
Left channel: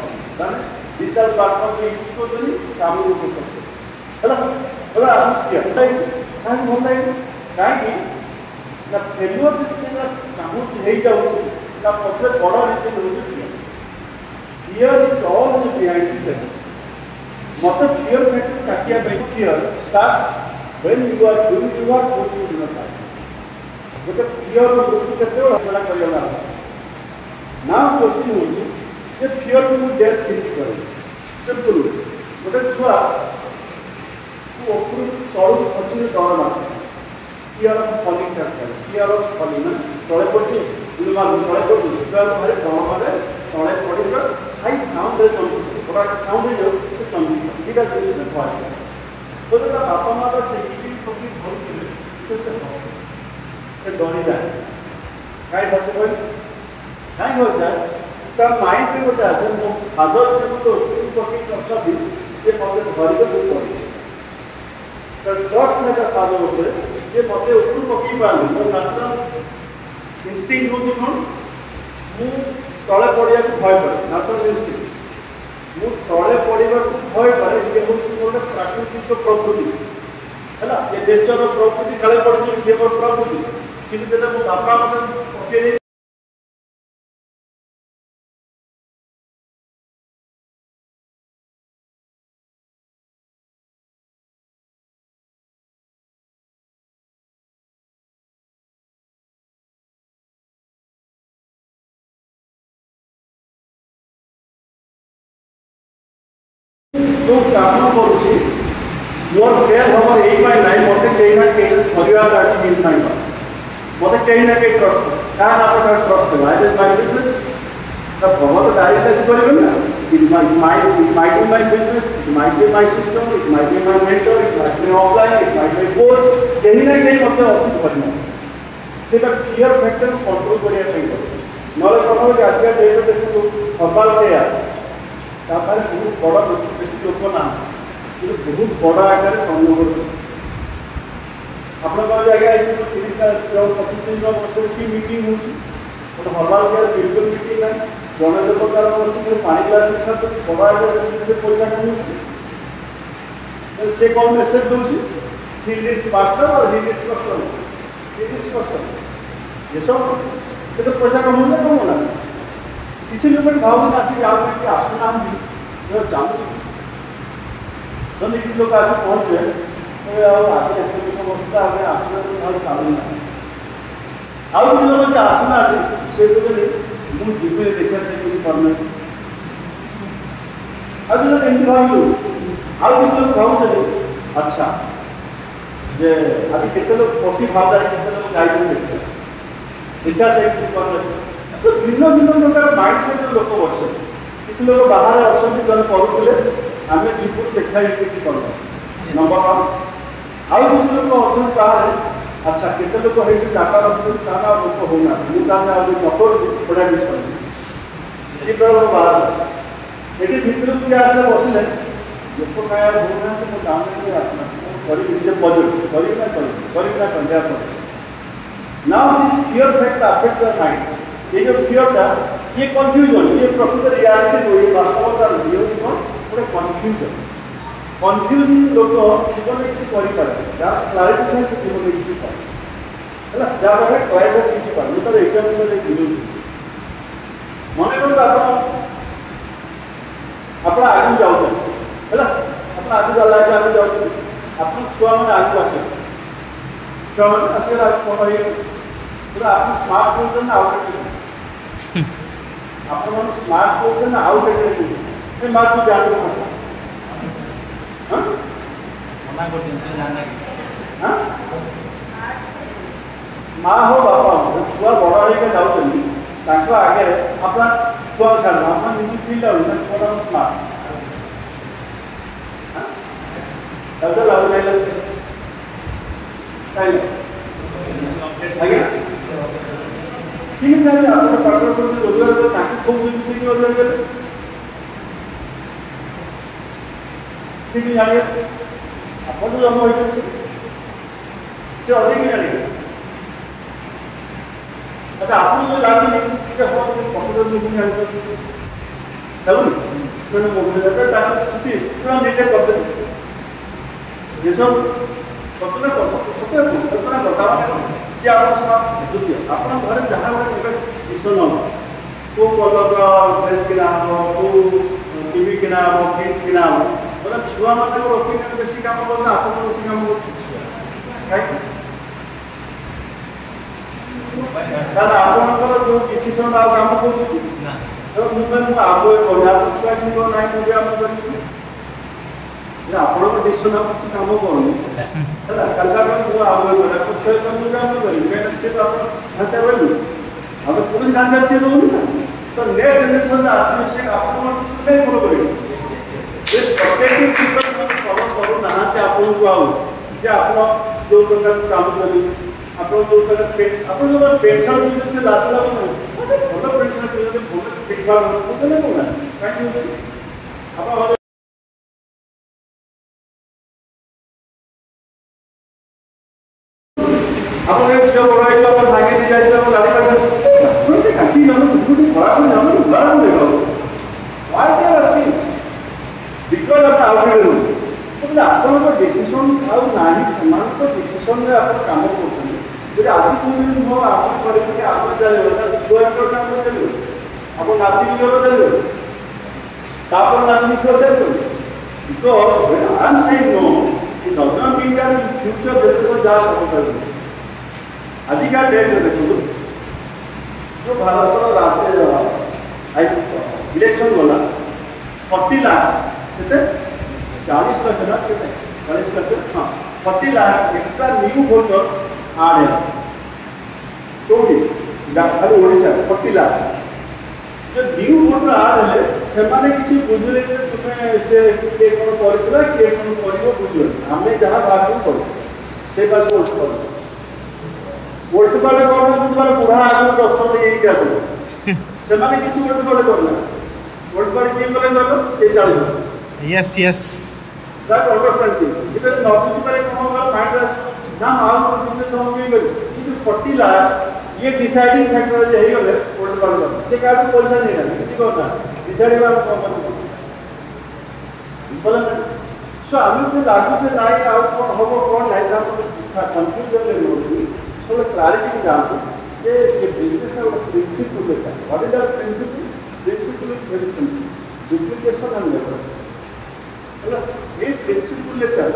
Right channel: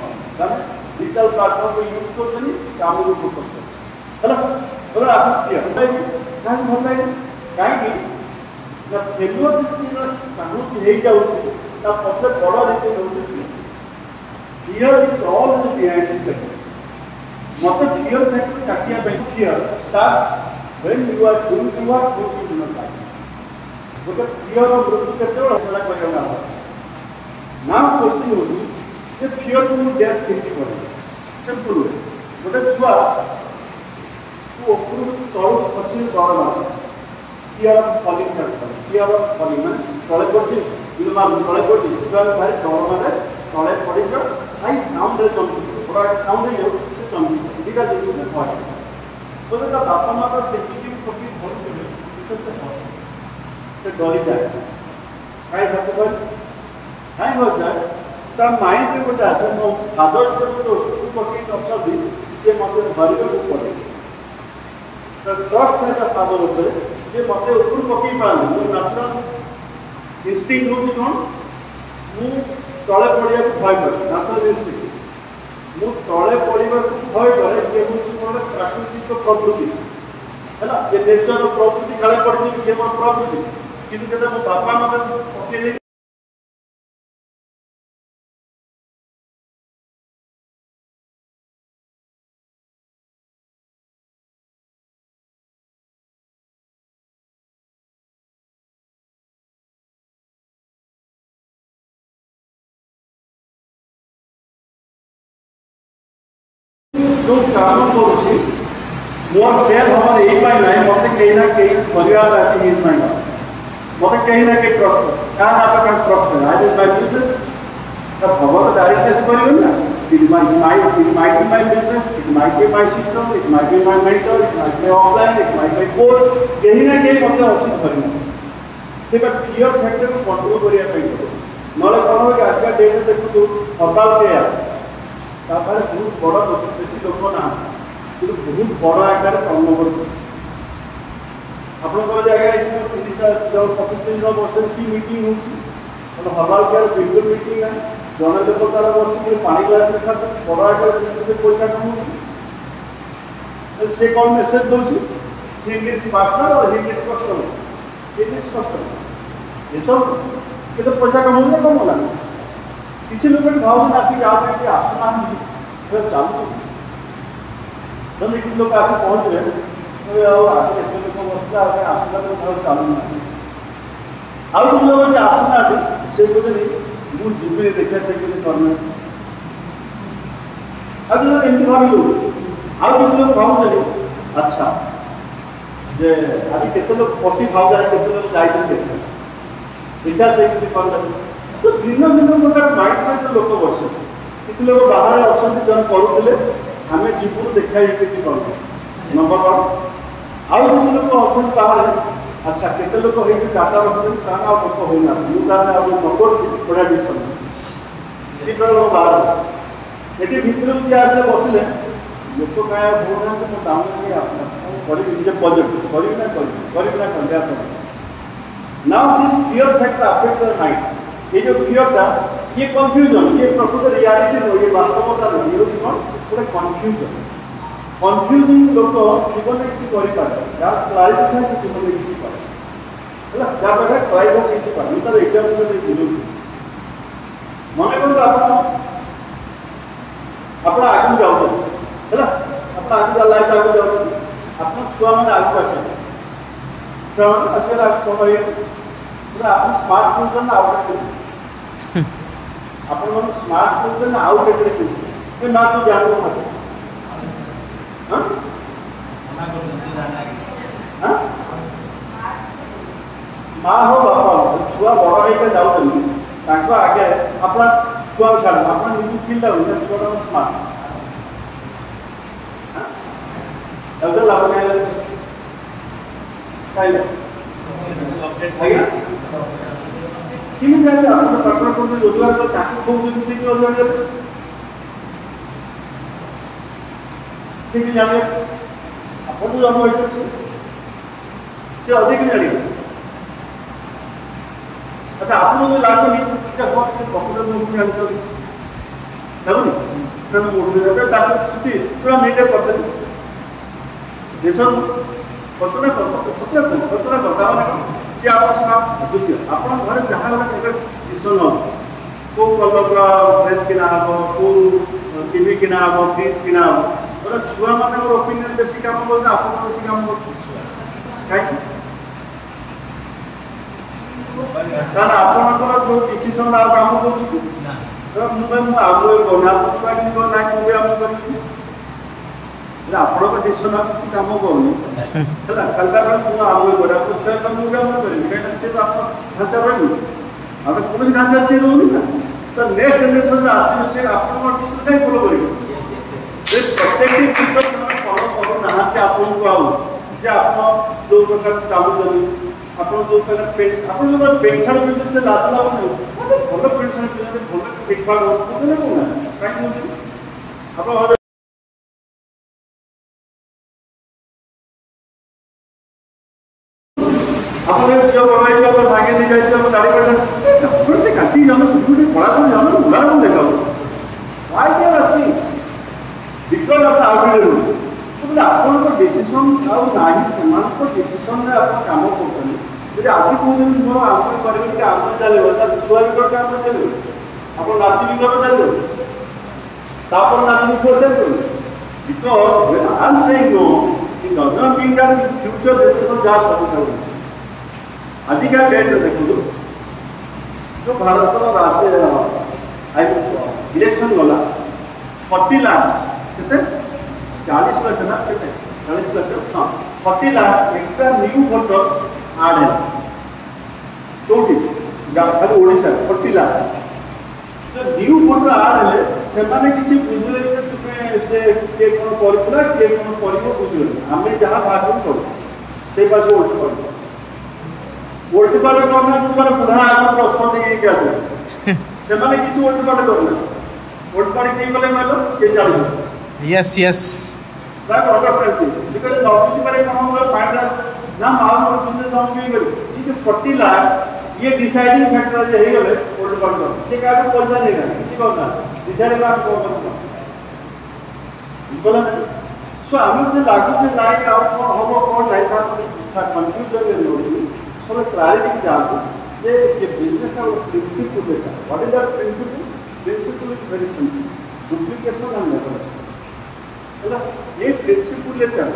डिजिटल प्लाटफॉर्म को यूज करते काम करते बोला आप कहीं भल लगे कहीं फेल्योर काम हो पक्षे बड़ reason fear is all behind मत फियर फैक्टर काटिया fear start when you are doing your work in your life गोटे फियर मृत्यु केतना करना ना क्वेश्चन हो जे फियर को डेथ केमती कर सिंपल गोटे छुआ तू ऊपर तल खसी डर ना फियर ऑफ फॉलिंग कर फियर ऑफ फॉलिंग तले पड़े इमा तले पड़े दुकान बाहर डर माने तले पड़े आई साउंड रे चमकी थोड़ा साउंड रे जो चमकी दीटा जिनिस देखा तो जब बापा माँ देखिए कभी भर से डरी जाए कहीं भर कहीं हो जाए तो माइंड के गोटे आसे मो फादर जो पकड़ अच्छा सी मत धरिक पड़े तो ट्रस्ट नहीं फादर उपर ये मत ऊपर पकई पारे मो नेशनल इनस्टिंग हूँ कौन मु तले पड़ा भय पड़े नेशनल इनस्टिंग मु तले पड़ा भय करे ये हूँ प्राकृतिक प्रवृत्ति है ये नेचर प्रवृत्ति तले पड़े ये मोर प्रवृत्ति किंतु जब मो बापा मत पकड़ जो काम करुँची मोर फेल हम यही ना मत कहीं ना कहीं परिवार मत कहीं ना कहीं ट्रस्ट क्या आप ट्रस्ट आज माय बिजनेस तो भगवान डायरेक्ट करेंगे ना it might be my business it might be my system it might be my mentor it might be offline it might be course कहीं ना कहीं मत अच्छी करेंगे से फियर फैक्टर कंट्रोल करने ना प्रथम आज डेट देखो सकाल बहुत बड़ा बेसी लोक ना कि बहुत बड़ा आगे कम कर आगे 30 वर्ष की मीटिंग हो हमारे क्या बिल्कुल मीटिंग है जन लोक बस पानी ग्लास बड़ा आगे पैसा कमाऊँ से कौन मेसेज दूसरी ही नीड्स पार्टनर और ही नीड्स कस्टमर ये सब ये तो पैसा कमाऊँ कमला किसी लोग भाव आसिक आसुना चालू तो किसी लोग आस पहुँच गए आसला तो चालू आउ लोग आसुना से बोले मुझे देखा से करना आज लोग एमती भाव आउ किसी लोग भाव अच्छा जे आज केते लोग पटी भाव जाए केते लोग गाइड देखा से तो भिन्न भिन्न प्रकार माइंडसेट लोक बस किसी लोग बाहर अच्छा जन पढ़ुले आम जीवन देखा करूँ नंबर 1 आउ किसी लोग अच्छा बाहर अच्छा केते लोग है डाटा रखते ताना लोक होना मुझे नंबर बड़ा विषय ये बाहर ये भितर किए आसे बसले लोक क्या बोलते now this fear factor affect the mind ये जो फियर था ये कंफ्यूजन ये प्रकृत रियलिटी नहीं ये वास्तवता नहीं ये पूरा कंफ्यूजिंग लोग जीवन में किसी कर पारे यार क्लारिटी था से जीवन में किसी कर ହେଲା ଯାହାଫଳରେ କ୍ଲାଇଭେଟ୍ କିଛି ପାଣି ତାର ଏକ୍ସାମ୍ପଲ୍ ଦେଉଛି ମନେ କରନ୍ତୁ ଆପଣ ଆଗକୁ ଯାଉଛନ୍ତି ହେଲା ଆପଣ ଆଗକୁ ଲାଇଫ୍ ଆଗକୁ ଯାଉଛନ୍ତି ଆପଣ ଛୁଆମାନେ ଆଗକୁ ଆସିବେ ଛୁଆମାନେ ଆସିଲେ କ'ଣ ହେଇଗଲେ ଆପଣ ସ୍ମାର୍ଟ କହୁଛନ୍ତି ନା ଆଉ ଆପଣମାନେ ସ୍ମାର୍ଟ କହୁଛନ୍ତି ନା ଆଉ କେତେ ଏ ମା ତୁ ଜାଣୁ ମା ହଉ ବାପା ଛୁଆ ବଡ଼ ହେଇକି ଯାଉଛନ୍ତି ତାଙ୍କ ଆଗରେ ଆପଣ ଛୁଆ ଛାଡ଼ ଆପଣ ନିଜେ ଫିଲ୍ ଲାଗୁନି ଛୁଆଟା ସ୍ମାର୍ଟ ଲାଭ ଖାଇଲେ ଆଜ୍ଞା ଠିକ୍ ଅଛି ଆପଣ ପାଠ ପଢ଼ୁଛନ୍ତି ରୋଜଗାର କଲେ ତାକୁ କହୁଛନ୍ତି ସେ କି ରୋଜଗାର କଲେ ସେ କି ଜାଣିବେ ଆପଣ ତ ଜନ୍ମ ହୋଇଛନ୍ତି ସେ ଅଧିକ ଜାଣିବେ ଆଚ୍ଛା ଆପଣଙ୍କୁ ଲାଗୁନି ପ୍ରକୃତରେ ମୁଁ ଜାଣୁଛନ୍ତି ଲାଗୁନି ତାକୁ ଛୁଟି ପୁରା ନିଜେ କରିଦେବେ ଯେସବୁ କଳ୍ପନା କଥା ମାନେ ସେ ଆପଣ ଦ୍ୱିତୀୟ ଆପଣଙ୍କ ଘରେ ଯାହା ଗୋଟେ ବିଷୟ କେଉଁ କଲର୍ର ଡ୍ରେସ୍ କିଣା ହେବ କେଉଁ ଟିଭି କିଣା ହେବ ଫ୍ରିଜ୍ କିଣା ହେବ ପୁରା ଛୁଆମାନଙ୍କ ଓପିନିଅନ୍ ବେଶୀ କାମ କରୁଛି ଆପଣଙ୍କ ବେଶୀ କାମ କରୁଛି କାହିଁକି କାରଣ ଆପଣଙ୍କର ଯେଉଁ ଡିସିସନ୍ ଆଉ କାମ କରୁଛି ତେଣୁ ମୁଁ କହିବି ମୁଁ ଆଗୁଏ କହୁନି ଆପଣ ଛୁଆ କିନ୍ତୁ ନାହିଁ ମୁଁ ବି ଆମ କରିବି ଆପଣଙ୍କ ଡିସିସନ୍ ଆଉ କିଛି କାମ କରୁନି ହେଲା କାଲିକା ପାଇଁ ମୁଁ ଆଗୁଏ କରେ ଆପଣ ଛୁଆ କାମ ମୁଁ ବି ଆମ କରିବି କାହିଁକିନା ସେ ଆପଣ ଢାଞ୍ଚା ରହିବୁ ଆମେ କୌଣସି ଢାଞ୍ଚା ସିଏ ରହୁନି ନା ତ ନେକ୍ସଟ ଜେନେରେସନ୍ ଆସିବେ ସେ ଆପଣଙ୍କ ଡିସିସନ୍ କାହିଁ ଫଲୋ କରିବେ ପ୍ରତ୍ୟେକଟି ଟିଚର ମାନେ ଫଲୋ କରୁନାହାନ୍ତି ଆପଣଙ୍କୁ ଆଉ ଯେ ଆପଣ ଯେଉଁ ପ୍ରକାର ଚାହୁଁଛନ୍ତି ଆପଣ ଯେଉଁ ଆପଣ ଯେଉଁ ପେଣ୍ଟ ସାର୍ଟ ପିନ୍ଧୁଛନ୍ତି ସେ ଲାଜ ଲାଗୁନି ମୋତେ ଭଲ ପେଣ୍ଟ ସାର୍ଟ ପିନ୍ଧୁଛନ୍ତି ଭଲ ଫିଟ୍ ଫାଟ୍ ହେଉଛନ୍ତି ନା କାହିଁକି ଆପଣ ଆପଣ ଝିଅ ବଡ଼ ହେଇଗଲା ଭାଗି ନେଇ ଯାଇଥିଲେ ଆପଣ ଜାଣିପାରିବେ ଆପଣ କାଟି ଯାଉନ କଳା କରି ଯାଉନ ଉଦାହରଣ ଦେଖାଉ Why they are asking? Because of the algorithm. ଆପଣଙ୍କ ଡିସିସନ୍ ଆଉ ନାହିଁ ସେମାନଙ୍କ ଡିସିସନ୍ରେ ଆପଣ କାମ କରୁଛନ୍ତି ଯଦି ଆଜି କହୁଛନ୍ତି ମୁଁ ଆମେ କରିବି କି ଆମେ ଚାଲିବ ତାକୁ ଛୁଆ ଭିତରେ କାମ ଚାଲିବ ଆପଣ ନାତି ଭିତରେ ଚାଲିବ ତାପରେ ନାତି ଭିତରେ ଚାଲିବ because I am saying no it does not mean that in future generation ଯାହା ସବୁ କରିବ ଆଜିକା ଡେଟ୍ରେ ଦେଖନ୍ତୁ ଯେଉଁ ଭାରତର ଇଲେକ୍ସନ୍ ଗଲା 40 ଲାଖ କେତେ 40 लाख ना कितने 40 लाख हाँ 40 लाख एक्स्ट्रा न्यू वोटर्स आड है टोटल खाली ओडिशा 40 लाख जो न्यू वोटर आड है से माने किसी बुझले तुमे से के कोन करतला के कोन करिवो बुझले हमें जहां बात करू से बात वोट वाला गवर्नमेंट तुम्हारा पुरा आगम प्रश्न दे क्या से माने किसी वोट वाला करना वोट पर के बोले बोलो के चालू yes yes that understand because नौकरी पर एक हम लोग फाइंड ना मालूम को बिजनेस हम भी करू कि 40 लाख ये डिसाइडिंग फैक्टर है ही होले वोट कर से का को पैसा नहीं रहा किसी को ना डिसाइड आप को बोला सो आमी के लागू के नाही आउट फॉर होमो कोन नाही था कंफ्यूज जब ले लो सो क्लैरिटी के जाओ ये बिजनेस का प्रिंसिपल है what is the principle is very simple duplication हम नहीं ये प्रिंसिपल लेकर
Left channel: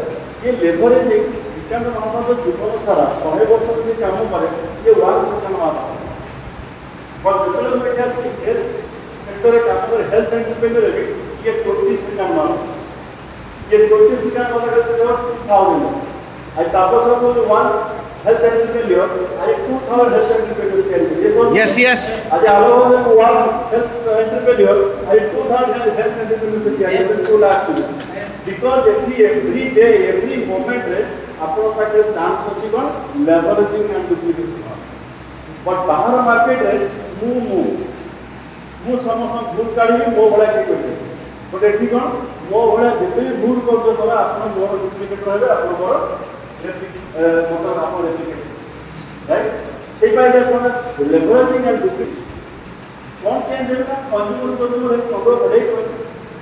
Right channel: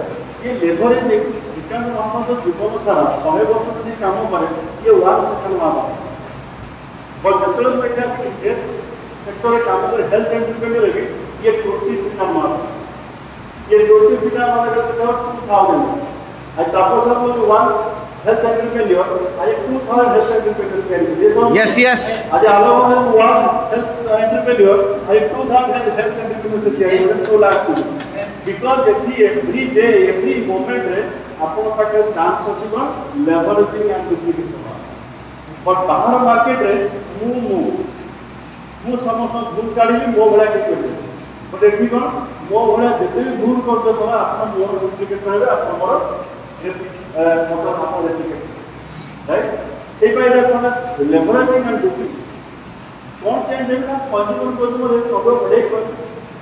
ये लेबरेज देखिए सेकंड मानो जो जीवन सारा 100 वर्ष में ये काम करे ये 1 सेकंड मानो और डेवलपमेंट है कि हेल्थ सेक्टर में काम करे हेल्थ एंड डिपेंडेंट है ये 20 सेकंड मानो ये 20 सेकंड मानो के तो 2000 आई तापस को 1 health and dependent I 2000 health and dependent ये सब यस यस आज आलो 1 health and dependent I 2000 health and dependent से किया 2 lakh because every day every moment आपको पाके चांस अछि कोन लेवरेजिंग एंड डुप्लीकेशन बट बाहर मार्केट रे मु समस्त भूल काढी मो भला की करते बट एठी कोन मो भला जते भूल करछ तोरा अपन मोर डुप्लीकेट रहबे अपन मोर मोटर अपन डुप्लीकेट राइट से पाइडा कोन लेवरेजिंग एंड डुप्लीकेट कोन चेंज है कंज्यूमर कदो बड़े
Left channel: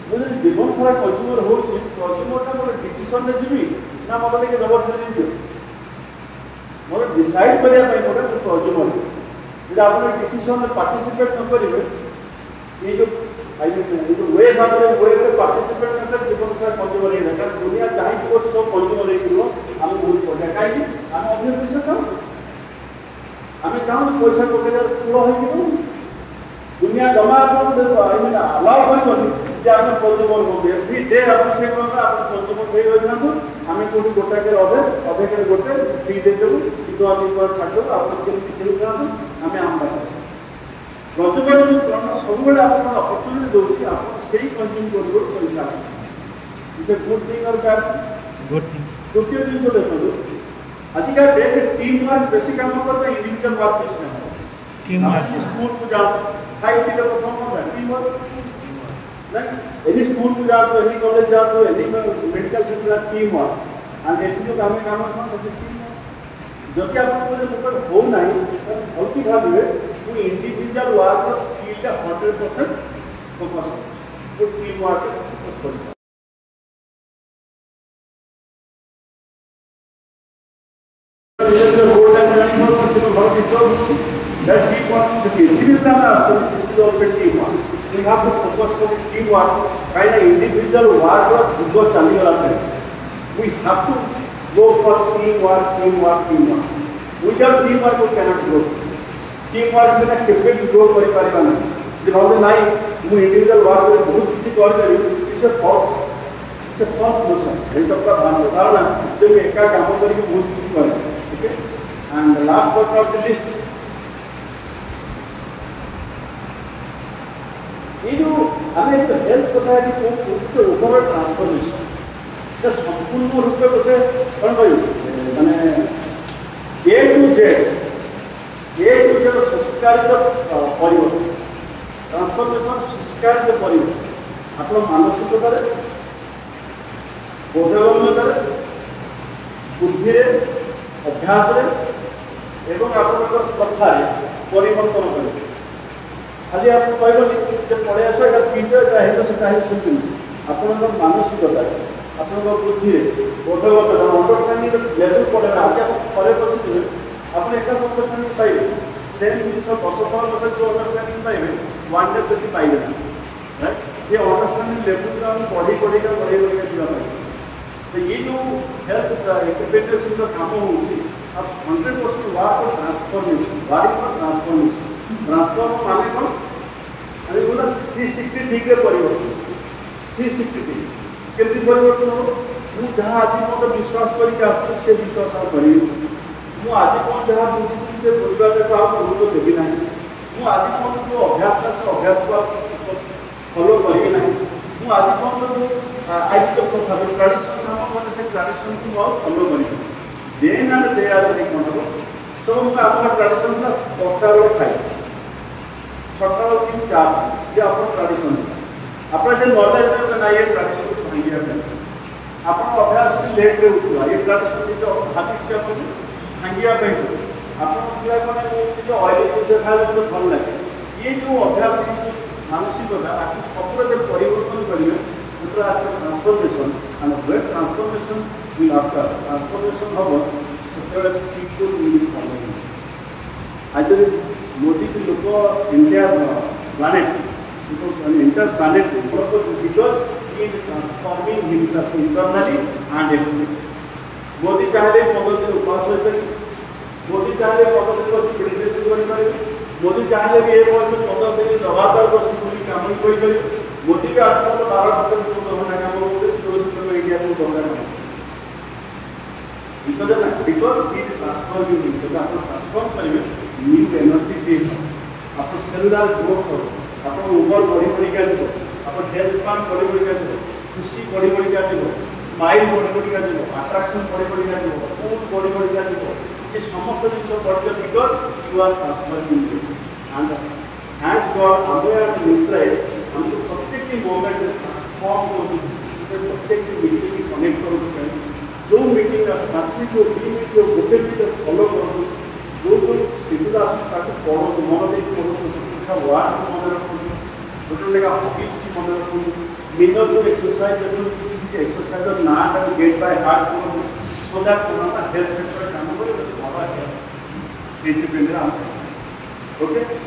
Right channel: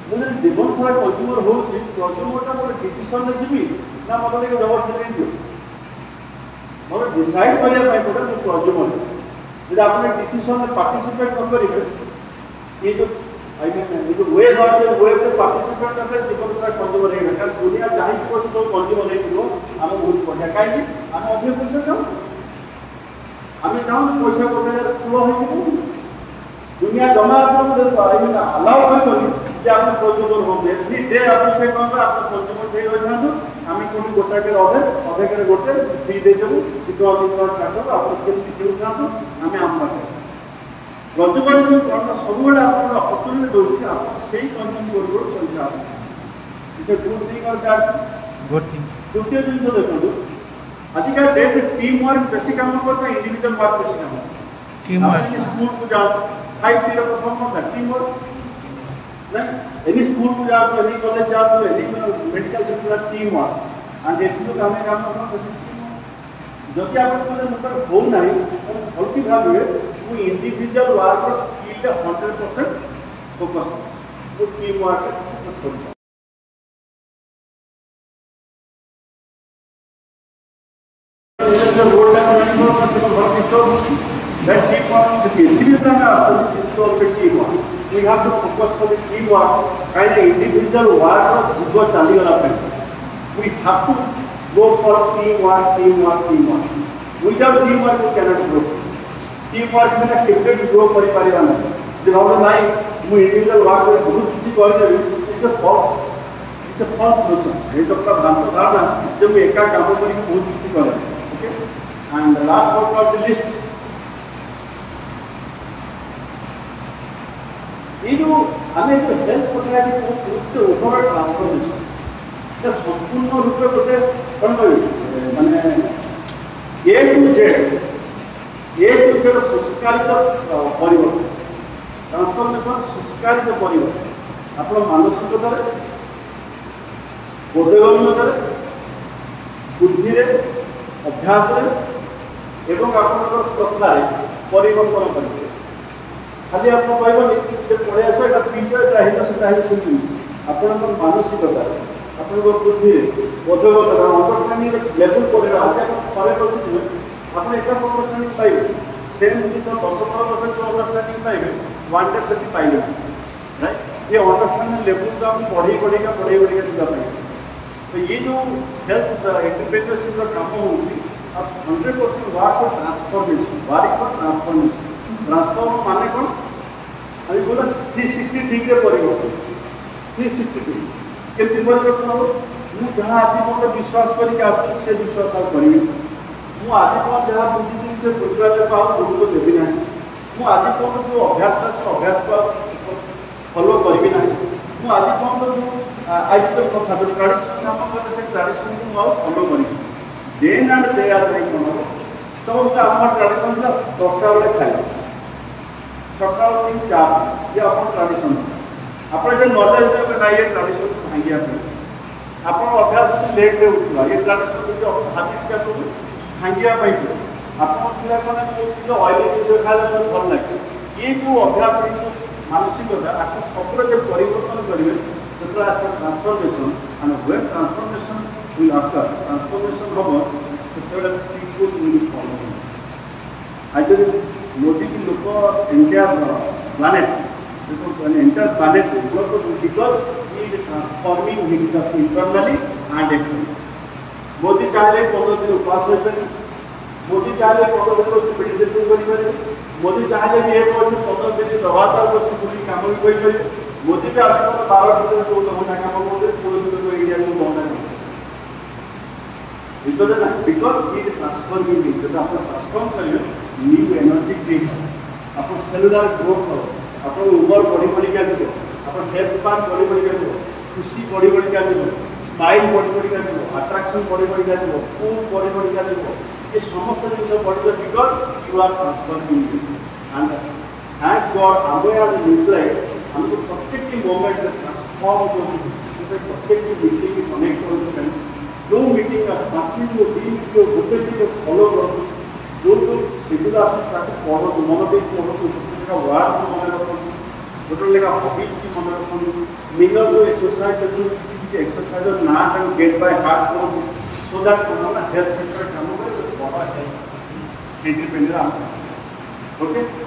मुझे जीवन सारा कंज्यूमर हो कंज्यूमर का डिसीजन ले जीवी ना मतलब के जबरदस्ती दियो मोर डिसाइड करिया पे गोटे कंज्यूमर जब आपने डिसीजन में पार्टिसिपेट न करेंगे ये जो आई मीन ये जो वेब पे पार्टिसिपेट करले जीवन का कंज्यूमर है कारण दुनिया चाहि को जो कंज्यूमर है कि हम बहुत बढ़िया काई हम अभी पैसा जाओ हमें जाओ पैसा कोटे फुल हो कि दुनिया जमा आई मीन अलाउ करबनी जे आप कंज्यूमर हो एवरी डे आप से कहबा आप कंज्यूमर दे रहना हमें कोनी गोटा के अधे के गोटे फ्री दे देबो कि हम इतना छाड़ आप के किलो करना हमें आम बात कंज्यूमर जो कोन सबुले आप अपॉर्चुनिटी दोछि आप सेही कंज्यूम करबो पैसा इसे गुड थिंग और गुड थिंग्स द्वितीय दिन जो देखो आजिका डेट टीम वर्क बेसी काम करता इंडिविजुअल वर्क बेसी काम टीम वर्क स्कूल को जाओ 5 0 को काम टीम वर्क नहीं एनी स्कूल को जाओ एनी कॉलेज जाओ any medical centre team work and एथि तो काम करना जब आप लोग हो नहीं तो भलती भावे वो इंडिविजुअल वर्क स्किल 100% फोकस वो टीम वर्क कुछ that teamwork with the individual is also teamwork. We have to focus on the teamwork. Kind of individual work or go chali wala we have to go for teamwork. Without teamwork, we cannot grow. Teamwork is a different grow for a person. The other night, we individual work with good teaching it's a false notion. It's a problem. जब एक का काम करेंगे बहुत चीज करेंगे. And last but not the least, ये जो हमें हेल्थ पता है कि वो ओवरऑल ट्रांसफॉर्मेशन जब संपूर्ण रूप में होते कौन भाई माने ए टू जेड संस्कारित परिवर्तन ट्रांसफॉर्मेशन संस्कारित परिवर्तन अपना मानसिकता बोधगम्यता बुद्धि अभ्यास एवं आपनकर प्रथा परिवर्तन करें खाली आप कहबनी जे पढ़े आसो एटा पीटे चाहे से चाहे सुन आपनकर मानसिकता आपनकर बुद्धि बोधगता अंडरस्टैंडिंग लेवल पढ़े आज आप खरे बसी आपने एक अंडरस्टैंडिंग पाइबे सेम जिस 10-12 जो अंडरस्टैंडिंग पाइबे वन डे से पाइबे राइट ये अंडरस्टैंडिंग लेवल का हम पढ़ी का जीवा पाइबे तो ये जो हेल्थ इंटरप्रिटेशन का काम होउची अब 100% वाट ट्रांसफॉर्मेशन ट्रांसफॉर्म माने कौन अभी पूरा 360 डिग्री परिवर्तन 360 डिग्री केते परिवर्तन हो मु जहां आदि को विश्वास करी के आप से विश्वास और करी मु आदि को जहां बुझी से बुझवाले को आप तो देबी नहीं मु आदि को जो अभ्यास को फॉलो करी नहीं मु आदि को जो आज तो কথা ट्रेडिशन हम से ट्रेडिशन को फॉलो करी then and they are like no तो हम अपन ट्रेडिशन का दरकार वाला खाई सकाल 3 4 ये अपन ट्रेडिशन अपन जे नॉलेज है ना ये ट्रेडिशन को भांगिया पे अपन अभ्यास लेट रे उठवा ये ट्रेडिशन को हाथिस का तो भांगिया पे अपन पूरा माने जो ऑयल यूज खाले तो भल लगे ये जो अभ्यास मानसिक होता आपको सफर जे परिवर्तन करिवे सेटा आपको transformation and web transformation will occur. Transformation of several people will follow. Actually, Modi ji look entire planet, entire planet because he is transforming himself internally and externally. Modi चाहे 15 दिन उपवास रहते, मोदी चाहे 15 दिन मेडिटेशन करें, मोदी चाहे कि 1 वर्ष 15 दिन लगातार बस पूरी काम ही कोई करे, मोदी का अर्थ तो 12 दिन जो होना काम होते पूरे इंडिया में होना है. Because he is transforming it, तो आप ट्रांसफॉर्म करेंगे न्यू एनर्जी देगा, आप सेलुलर ग्रोथ हो, आप उम्र बड़ी क्या देखो, आप हेल्थ स्पैन बड़ी क्या देखो, खुशी बड़ी क्या देखो, स्माइल बड़ी क्या देखो, अट्रैक्शन बड़ी क्या देखो, फूड बड़ी क्या देखो, ये समस्त चीज़ बढ़ जाए because you are transforming this and thanks God हमें हम न्यूट्रल हमको प्रत्येक मोमेंट ट्रांसफॉर्म हो प्रत्येक मीटिंग में कनेक्ट करो जो मीटिंग का फास्टली जो टीम जो गोटे जो फॉलो करो जो तो सिंगल आसता है फॉलो मोनोलिक फॉलो का वार को मन रखो गोटे लेगा हॉबीज की मन रखो मिनर जो एक्सरसाइज जो किसी एक्सरसाइज ना गेट बाय हार्ट करो सो दैट हमारा हेल्थ सेक्टर काम करे बहुत ସେଇଥିପାଇଁ ଆମେ ଓକେ